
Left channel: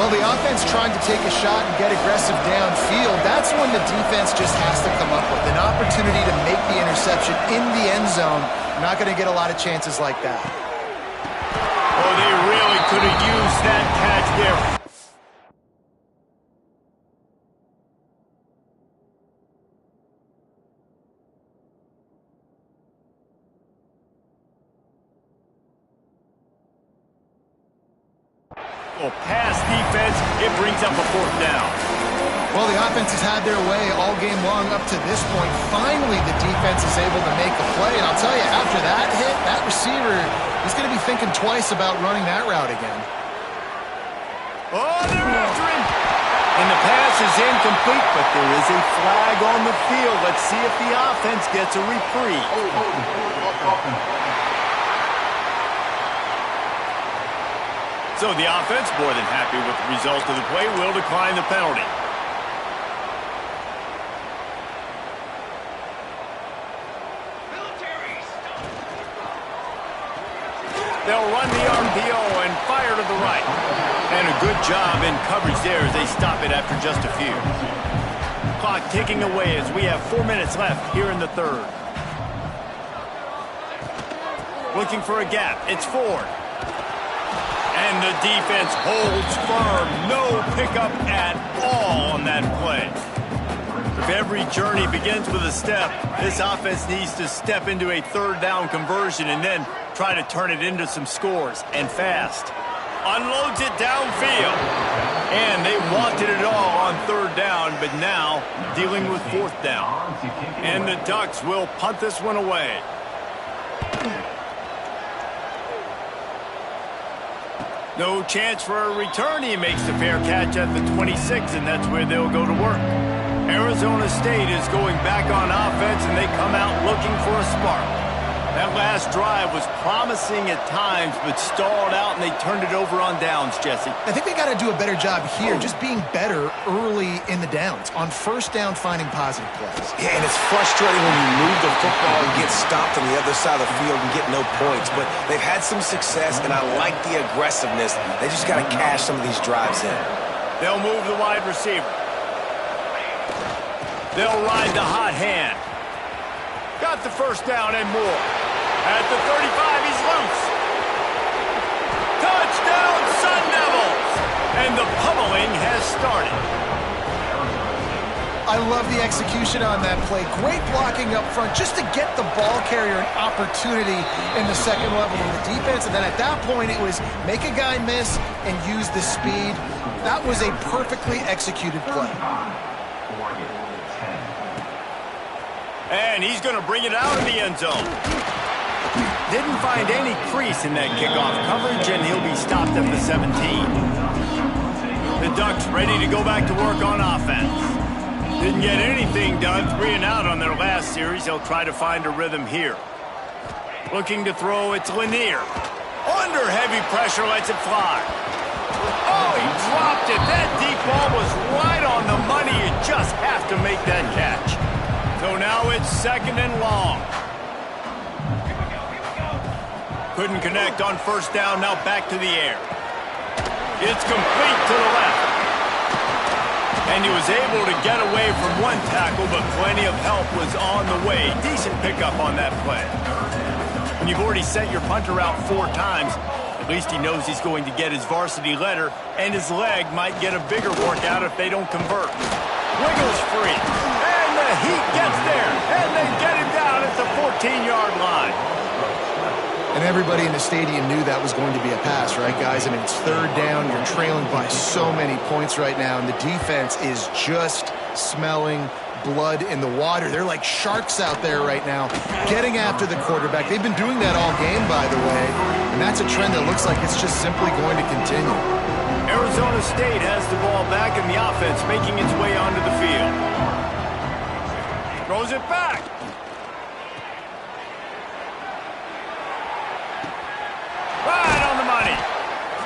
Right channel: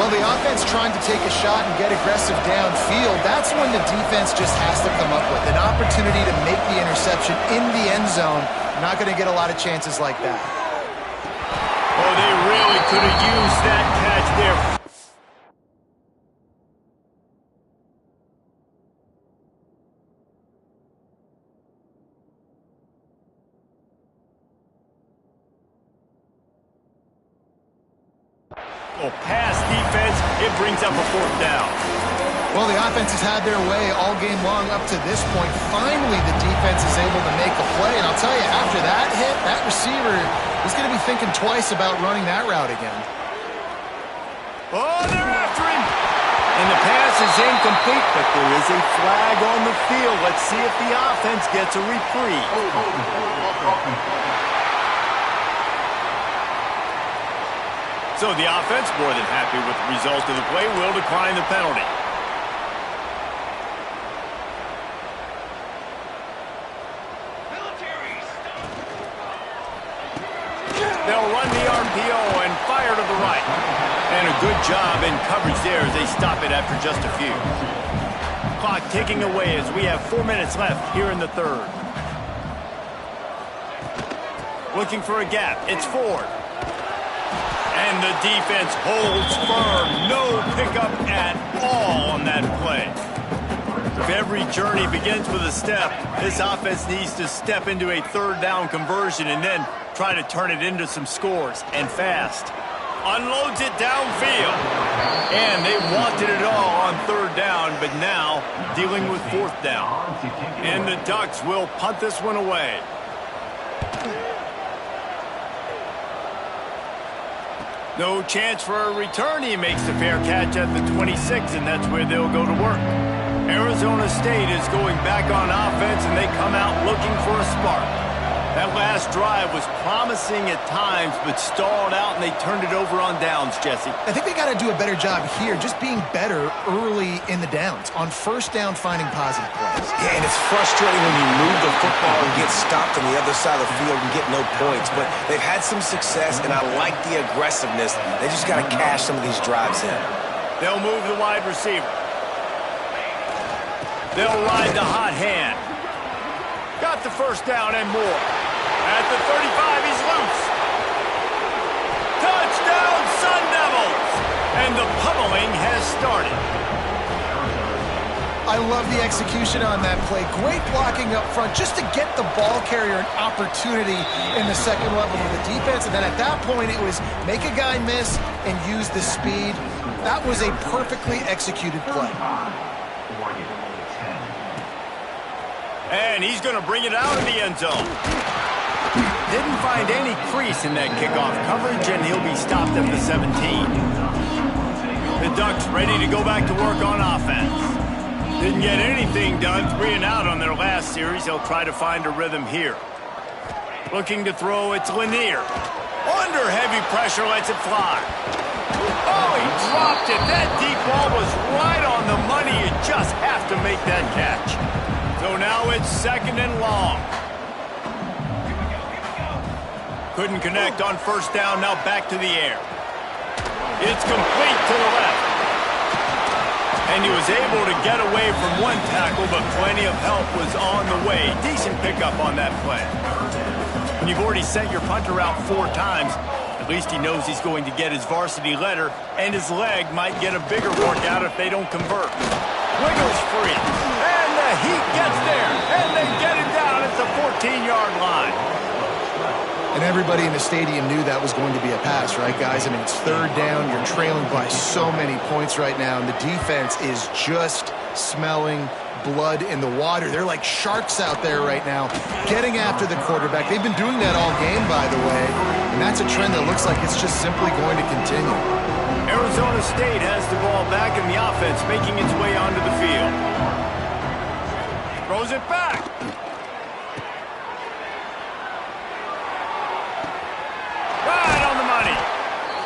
Well, the offense trying to take a shot and get aggressive downfield, that's when the defense just has to come up with an opportunity to make the interception in the end zone. Not going to get a lot of chances like that. Oh, they really could have used that catch there. Oh, pass defense, it brings up a 4th down. Well, the offense has had their way all game long up to this point. Finally, the defense is able to make a play. And I'll tell you, after that hit, that receiver, he's going to be thinking twice about running that route again. Oh, they're after him. And the pass is incomplete, but there is a flag on the field. Let's see if the offense gets a reprieve. So the offense, more than happy with the result of the play, will decline the penalty. They'll run the RPO and fire to the right. And a good job in coverage there as they stop it after just a few. Clock ticking away as we have 4 minutes left here in the 3rd. Looking for a gap. It's Ford. And the defense holds firm. No pickup at all on that play. If every journey begins with a step, this offense needs to step into a 3rd down conversion and then try to turn it into some scores, and fast. Unloads it downfield. And they wanted it all on 3rd down, but now dealing with 4th down. And the Ducks will punt this one away. No chance for a return. He makes the fair catch at the 26, and that's where they'll go to work. Arizona State is going back on offense, and they come out looking for a spark. That last drive was promising at times, but stalled out, and they turned it over on downs, Jesse. I think they got to do a better job here, just being better early in the downs. On first down, finding positive plays. Yeah, and it's frustrating when you move the football and get stopped on the other side of the field and get no points. But they've had some success, and I like the aggressiveness. They just got to cash some of these drives in. They'll move the wide receiver. They'll ride the hot hand. Got the first down and more. At the 35, he's loose. Touchdown, Sun Devils! And the pummeling has started. I love the execution on that play. Great blocking up front just to get the ball carrier an opportunity in the second level of the defense. And then at that point, it was make a guy miss and use the speed. That was a perfectly executed play. And he's going to bring it out of the end zone. Didn't find any crease in that kickoff coverage, and he'll be stopped at the 17. The Ducks ready to go back to work on offense. Didn't get anything done, 3 and out on their last series. They'll try to find a rhythm here. Looking to throw, it's Lanier. Under heavy pressure, lets it fly. Oh, he dropped it. That deep ball was right on the money. You just have to make that catch. So now it's second and long. Couldn't connect on first down, now back to the air. It's complete to the left. And he was able to get away from one tackle, but plenty of help was on the way. Decent pickup on that play. When you've already sent your punter out 4 times, at least he knows he's going to get his varsity letter, and his leg might get a bigger workout if they don't convert. Wiggles free, and the Heat gets there, and they get him down at the 14-yard line. And everybody in the stadium knew that was going to be a pass, right, guys? I mean, it's third down. You're trailing by so many points right now, and the defense is just smelling blood in the water. They're like sharks out there right now, getting after the quarterback. They've been doing that all game, by the way, and that's a trend that looks like it's just simply going to continue. Arizona State has the ball back in the offense, making its way onto the field. Throws it back. Right on the money.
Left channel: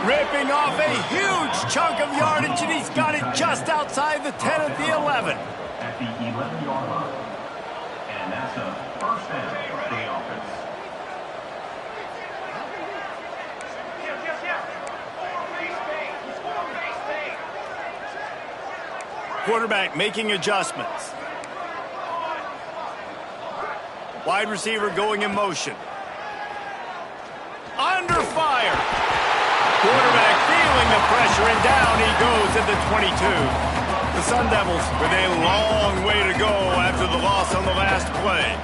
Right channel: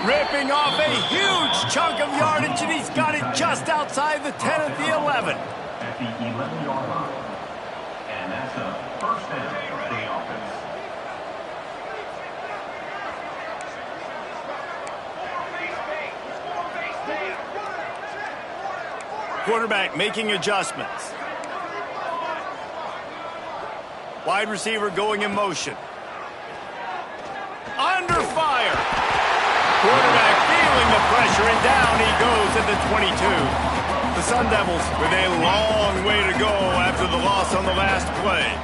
Ripping off a huge chunk of yardage, and he's got it just outside the 10 at the 11. At the 11-yard line. And that's a first down for the offense. Quarterback making adjustments. Wide receiver going in motion. Under fire. Quarterback feeling the pressure, and down he goes at the 22. The Sun Devils with a long way to go after the loss on the last play.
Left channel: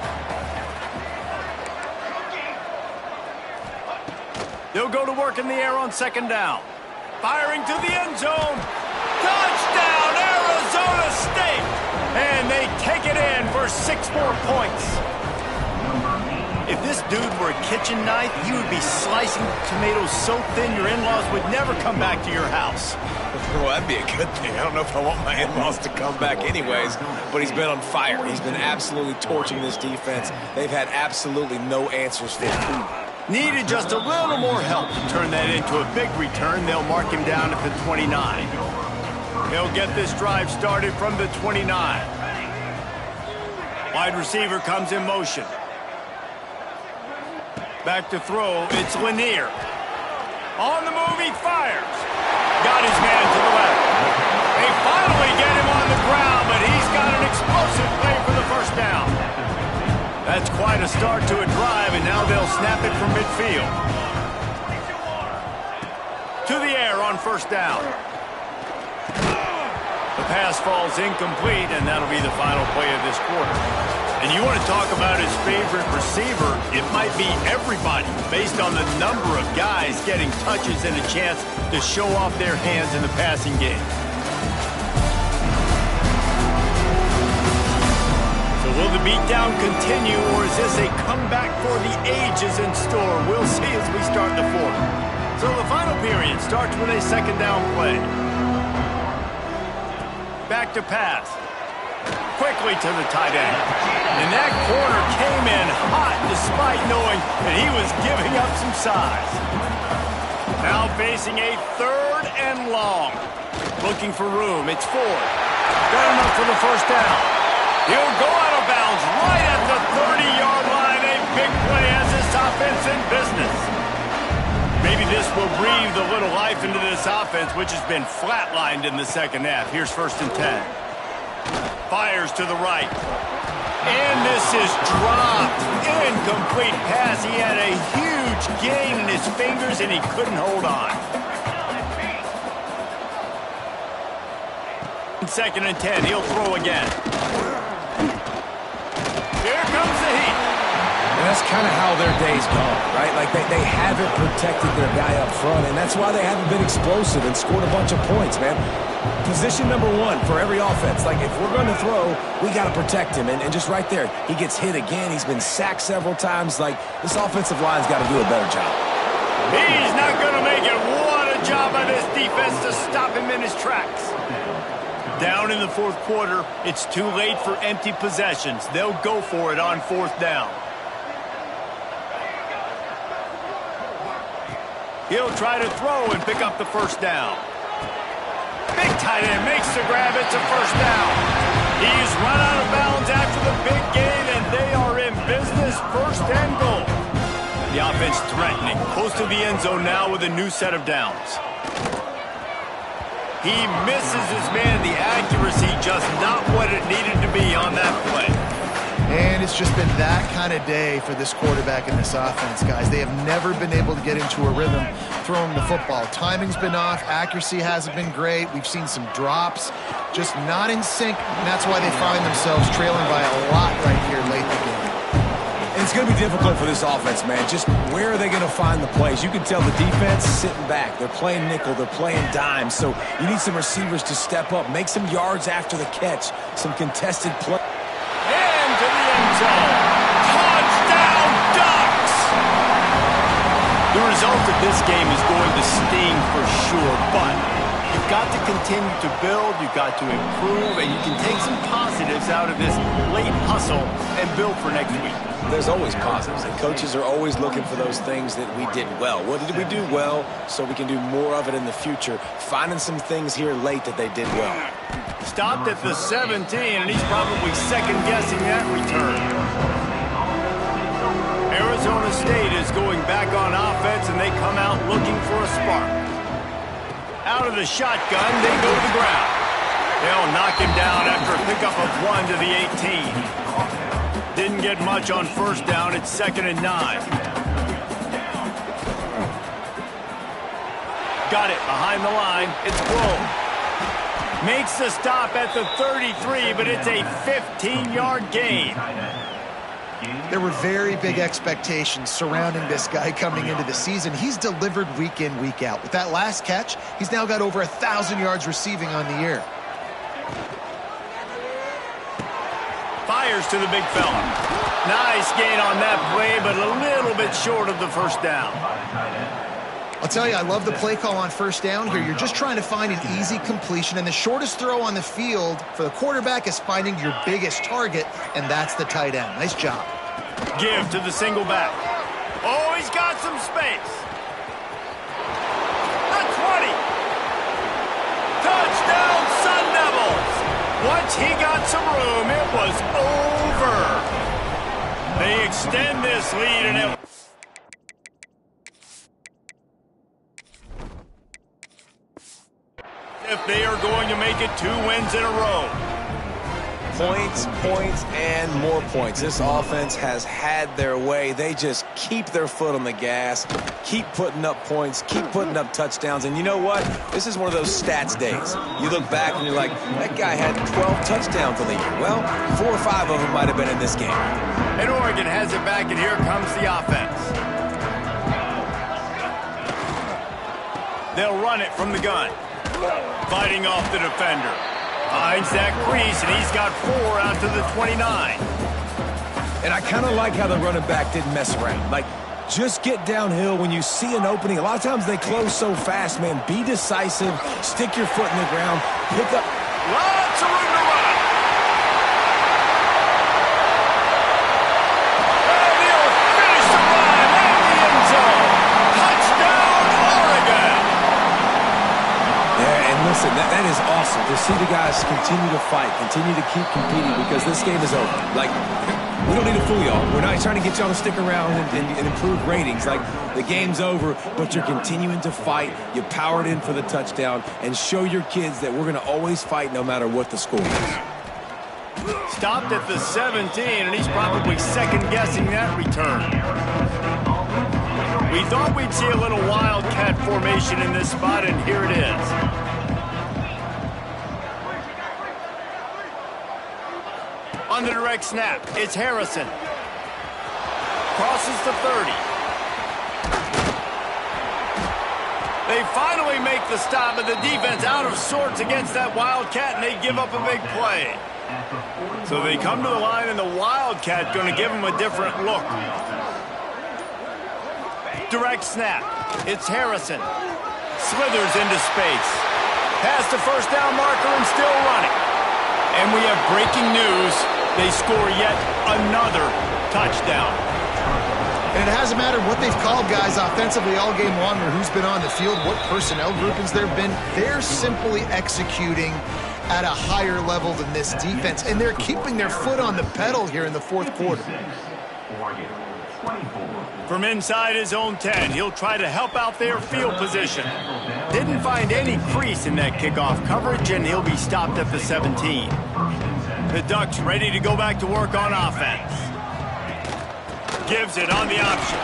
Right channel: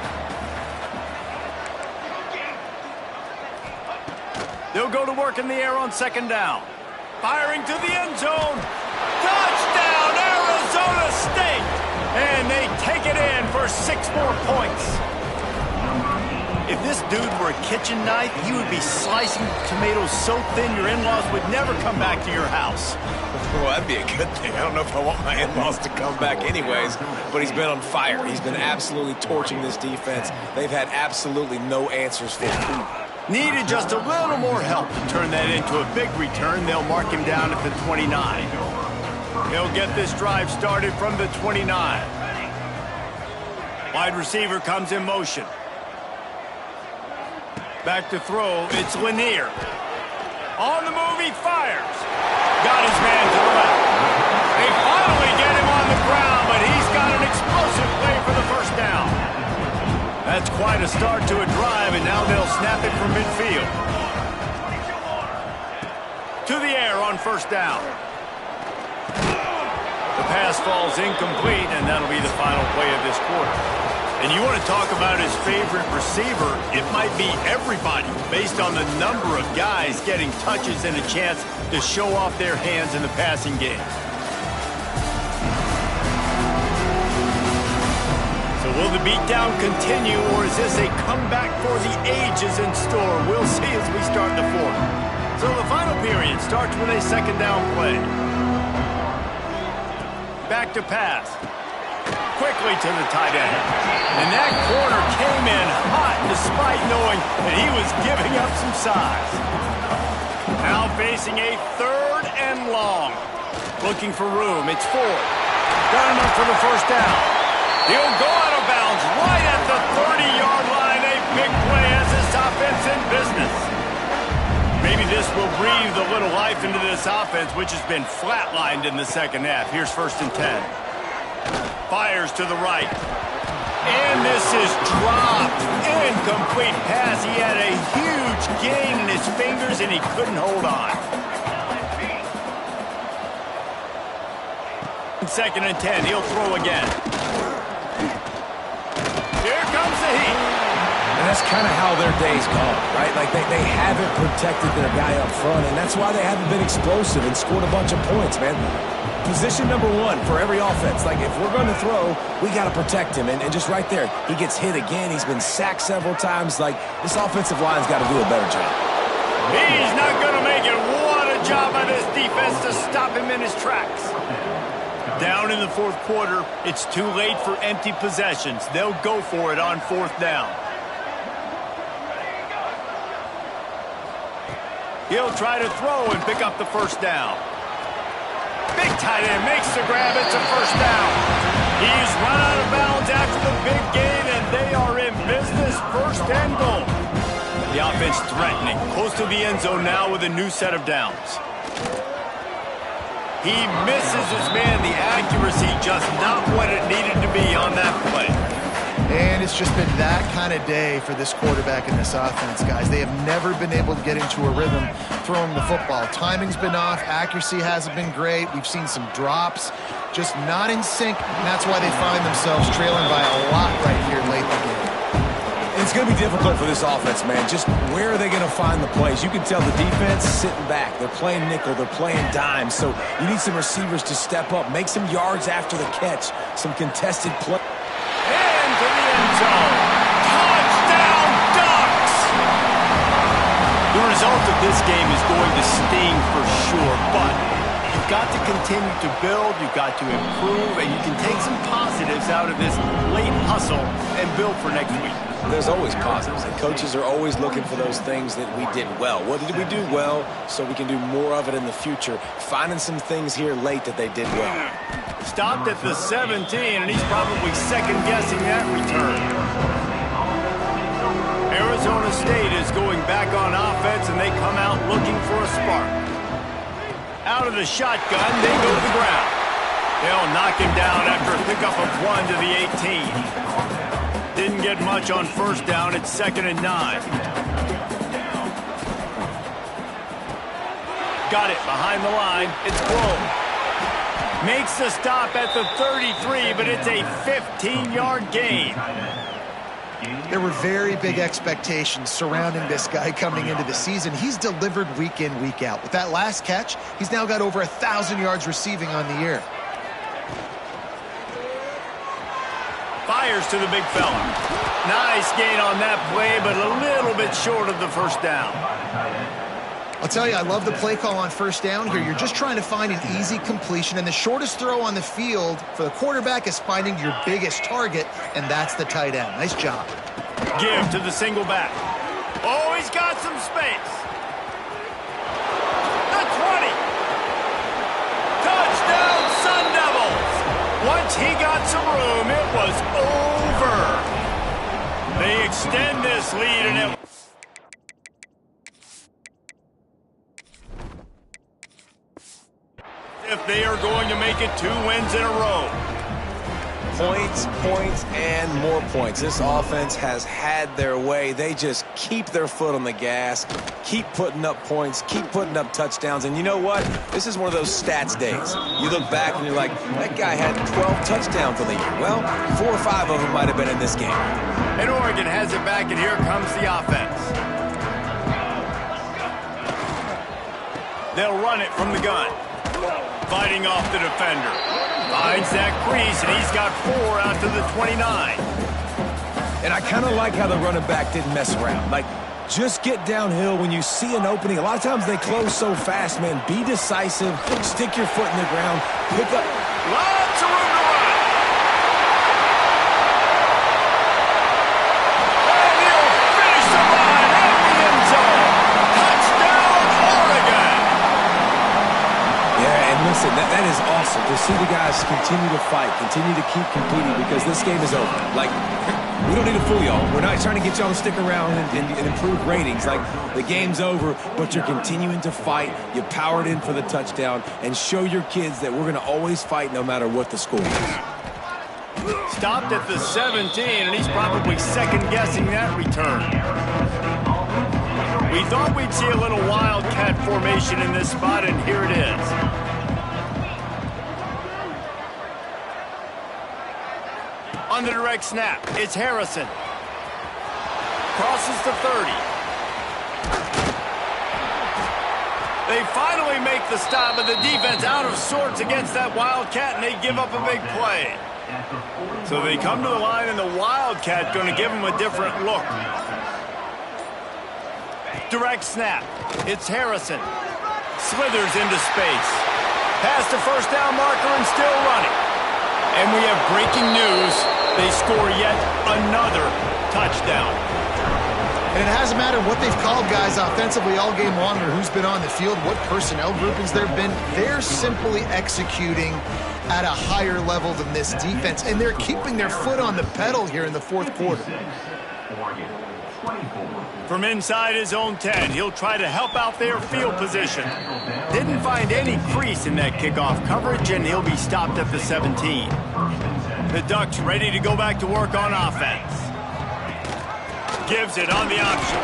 They'll go to work in the air on second down. Firing to the end zone. Touchdown, Arizona State! And they take it in for 6 more points. If this dude were a kitchen knife, he would be slicing tomatoes so thin your in-laws would never come back to your house. Well, that'd be a good thing. I don't know if I want my in-laws to come back anyways, but he's been on fire. He's been absolutely torching this defense. They've had absolutely no answers for him. Needed just a little more help to turn that into a big return. They'll mark him down at the 29. He'll get this drive started from the 29. Wide receiver comes in motion. Back to throw, it's Lanier. On the move, he fires. Got his man to the left. They finally get him on the ground, but he's got an explosive play for the first down. That's quite a start to a drive, and now they'll snap it from midfield. To the air on first down. The pass falls incomplete, and that'll be the final play of this quarter. And you want to talk about his favorite receiver, it might be everybody, based on the number of guys getting touches and a chance to show off their hands in the passing game. So will the beatdown continue, or is this a comeback for the ages in store? We'll see as we start the fourth. So the final period starts with a second down play. Back to pass. quickly to the tight end. And that corner came in hot despite knowing that he was giving up some size. Now facing a 3rd and long. Looking for room. It's Ford. Got enough for the first down. He'll go out of bounds right at the 30-yard line. A big play as this offense in business. Maybe this will breathe a little life into this offense, which has been flatlined in the second half. Here's 1st and 10. Fires to the right. And this is dropped. Incomplete pass. He had a huge gain in his fingers, and he couldn't hold on. 2nd and 10. He'll throw again. Here comes the heat. And that's kind of how their day's gone, right? Like they haven't protected their guy up front, and that's why they haven't been explosive and scored a bunch of points, man. Position number 1 for every offense. Like, if we're going to throw, we got to protect him. And just right there, he gets hit again. He's been sacked several times. Like, this offensive line's got to do a better job. He's not going to make it. What a job by this defense to stop him in his tracks. Down in the 4th quarter, it's too late for empty possessions. They'll go for it on 4th down. He'll try to throw and pick up the first down. Big tight end makes the grab. It's a first down. He's run out of bounds after the big gain, and they are in business. 1st and goal. The offense threatening. Close to the end zone now with a new set of downs. He misses his man. The accuracy just not what it needed to be on that play. And it's just been that kind of day for this quarterback and this offense, guys. They have never been able to get into a rhythm throwing the football. Timing's been off. Accuracy hasn't been great. We've seen some drops. Just not in sync, and that's why they find themselves trailing by a lot right here late in the game. And it's going to be difficult for this offense, man. Just where are they going to find the plays? You can tell the defense is sitting back. They're playing nickel. They're playing dime. So you need some receivers to step up, make some yards after the catch, some contested play. And to the end zone. Touchdown, Ducks! The result of this game is going to sting for sure, but you've got to continue to build, you've got to improve, and you can take some positives out of this late hustle and build for next week. There's always positives, and coaches are always looking for those things that we did well. What did we do well so we can do more of it in the future? Finding some things here late that they did well. Stopped at the 17, and he's probably second-guessing that return. Arizona State is going back on offense, and they come out looking for a spark. Out of the shotgun, they go to the ground. They'll knock him down after a pickup of 1 to the 18. Didn't get much on 1st down. It's 2nd and 9. Got it behind the line. It's Blow. Makes the stop at the 33, but it's a 15-yard gain. There were very big expectations surrounding this guy coming into the season. He's delivered week in, week out. With that last catch, he's now got over 1,000 yards receiving on the year. Fires to the big fella. Nice gain on that play, but a little bit short of the first down. I'll tell you, I love the play call on 1st down here. You're just trying to find an easy completion, and the shortest throw on the field for the quarterback is finding your biggest target, and that's the tight end. Nice job. Give to the single back. Oh, he's got some space. The 20. Touchdown, Sun Devils. Once he got some room, it was over. They extend this lead, and it... if they are going to make it 2 wins in a row. Points, points, and more points. This offense has had their way. They just keep their foot on the gas, keep putting up points, keep putting up touchdowns. And you know what? This is one of those stats days. You look back and you're like, that guy had 12 touchdowns on the year. Well, 4 or 5 of them might have been in this game. And Oregon has it back, and here comes the offense. They'll run it from the gun. Fighting off the defender. Finds that crease, and he's got 4 out to the 29. And I kind of like how the running back didn't mess around. Like, just get downhill when you see an opening. A lot of times they close so fast, man. Be decisive. Stick your foot in the ground. Pick up. Lots of room to run. Listen, that is awesome to see the guys continue to fight, continue to keep competing because this game is over. Like, we don't need to fool y'all. We're not trying to get y'all to stick around and improve ratings. Like, the game's over, but you're continuing to fight. You powered in for the touchdown and show your kids that we're going to always fight no matter what the score is. Stopped at the 17, and he's probably second-guessing that return. We thought we'd see a little wildcat formation in this spot, and here it is. On the direct snap, it's Harrison. Crosses the 30. They finally make the stop, but the defense out of sorts against that wildcat, and they give up a big play. So they come to the line, and the wildcat going to give them a different look. Direct snap. It's Harrison. Slithers into space. Past the first down marker and still running. And we have breaking news. They score yet another touchdown. And it hasn't mattered what they've called guys offensively all game long or who's been on the field, what personnel groupings there have been. They're simply executing at a higher level than this defense, and they're keeping their foot on the pedal here in the fourth quarter. From inside his own 10, he'll try to help out their field position. Didn't find any crease in that kickoff coverage, and he'll be stopped at the 17. The Ducks ready to go back to work on offense. Gives it on the option.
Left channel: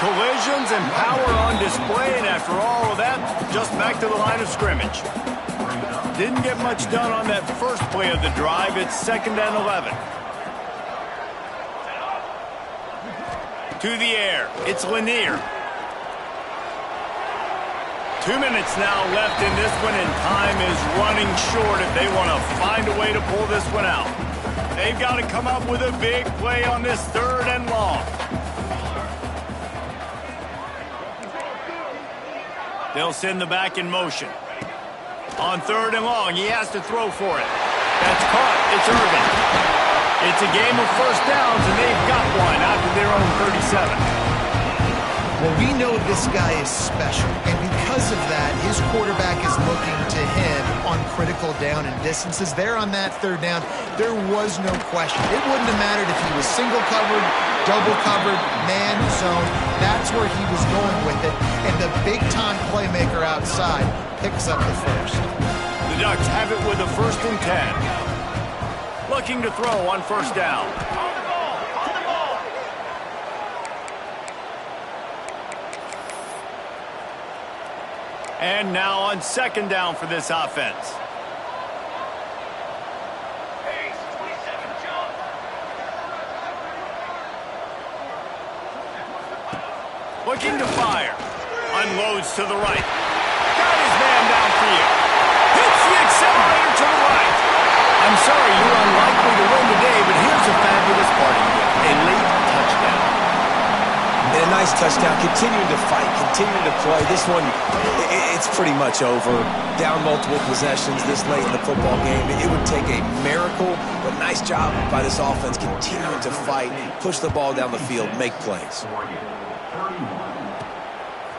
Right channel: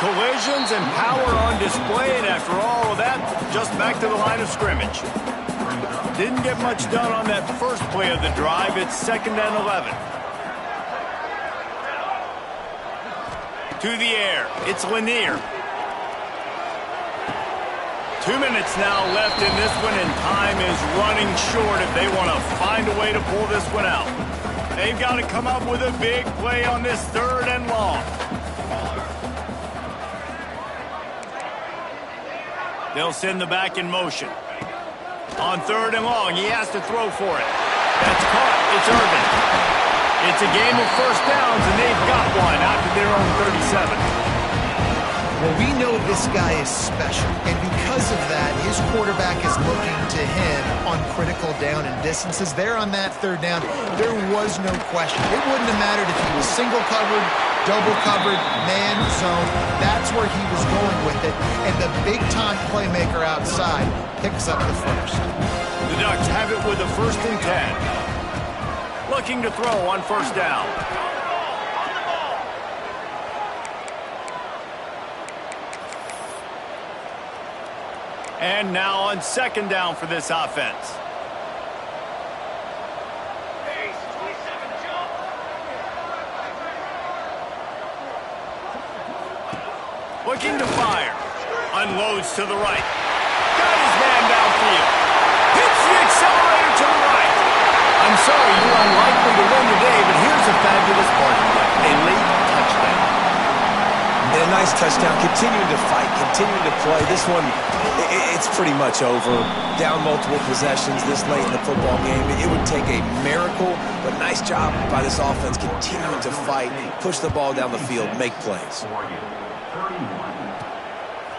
Collisions and power on display, and after all of that, just back to the line of scrimmage. Didn't get much done on that first play of the drive. It's 2nd and 11. To the air. It's Lanier. 2 minutes now left in this one, and time is running short if they want to find a way to pull this one out. They've got to come up with a big play on this 3rd and long. They'll send the back in motion. On 3rd and long, he has to throw for it. That's caught. It's Irvin. It's a game of first downs, and they've got one out to their own 37. Well, we know this guy is special, and because of that, his quarterback is looking to him on critical down and distances. There on that 3rd down, there was no question. It wouldn't have mattered if he was single covered, double covered, man zone. That's where he was going with it, and the big-time playmaker outside picks up the first. The Ducks have it with a 1st and 10. Looking to throw on 1st down. And now on 2nd down for this offense. Looking to fire. Unloads to the right. Got his man downfield. Hits the accelerator to the right. I'm sorry, you're unlikely to win today, but here's a fabulous parting gift. A late touchdown. And a nice touchdown, continuing to fight, continuing to play. This one, it's pretty much over. Down multiple possessions this late in the football game. It would take a miracle, but nice job by this offense continuing to fight, push the ball down the field, make plays.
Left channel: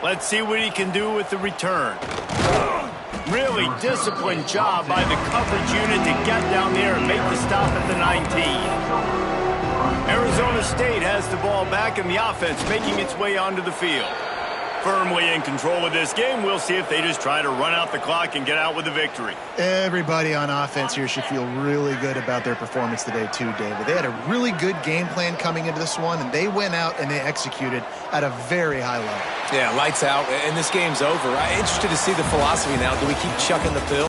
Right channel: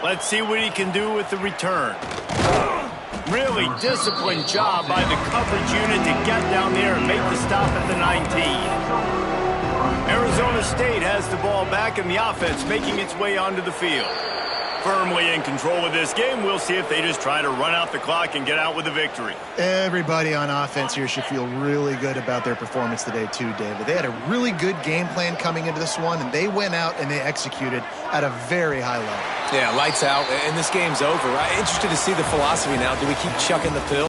Let's see what he can do with the return. Really disciplined job by the coverage unit to get down there and make the stop at the 19. Arizona State has the ball back, and the offense making its way onto the field. Firmly in control of this game. We'll see if they just try to run out the clock and get out with a victory. Everybody on offense here should feel really good about their performance today too, David. They had a really good game plan coming into this one, and they went out and they executed at a very high level. Yeah, lights out, and this game's over. I'm interested to see the philosophy now. Do we keep chucking the pill?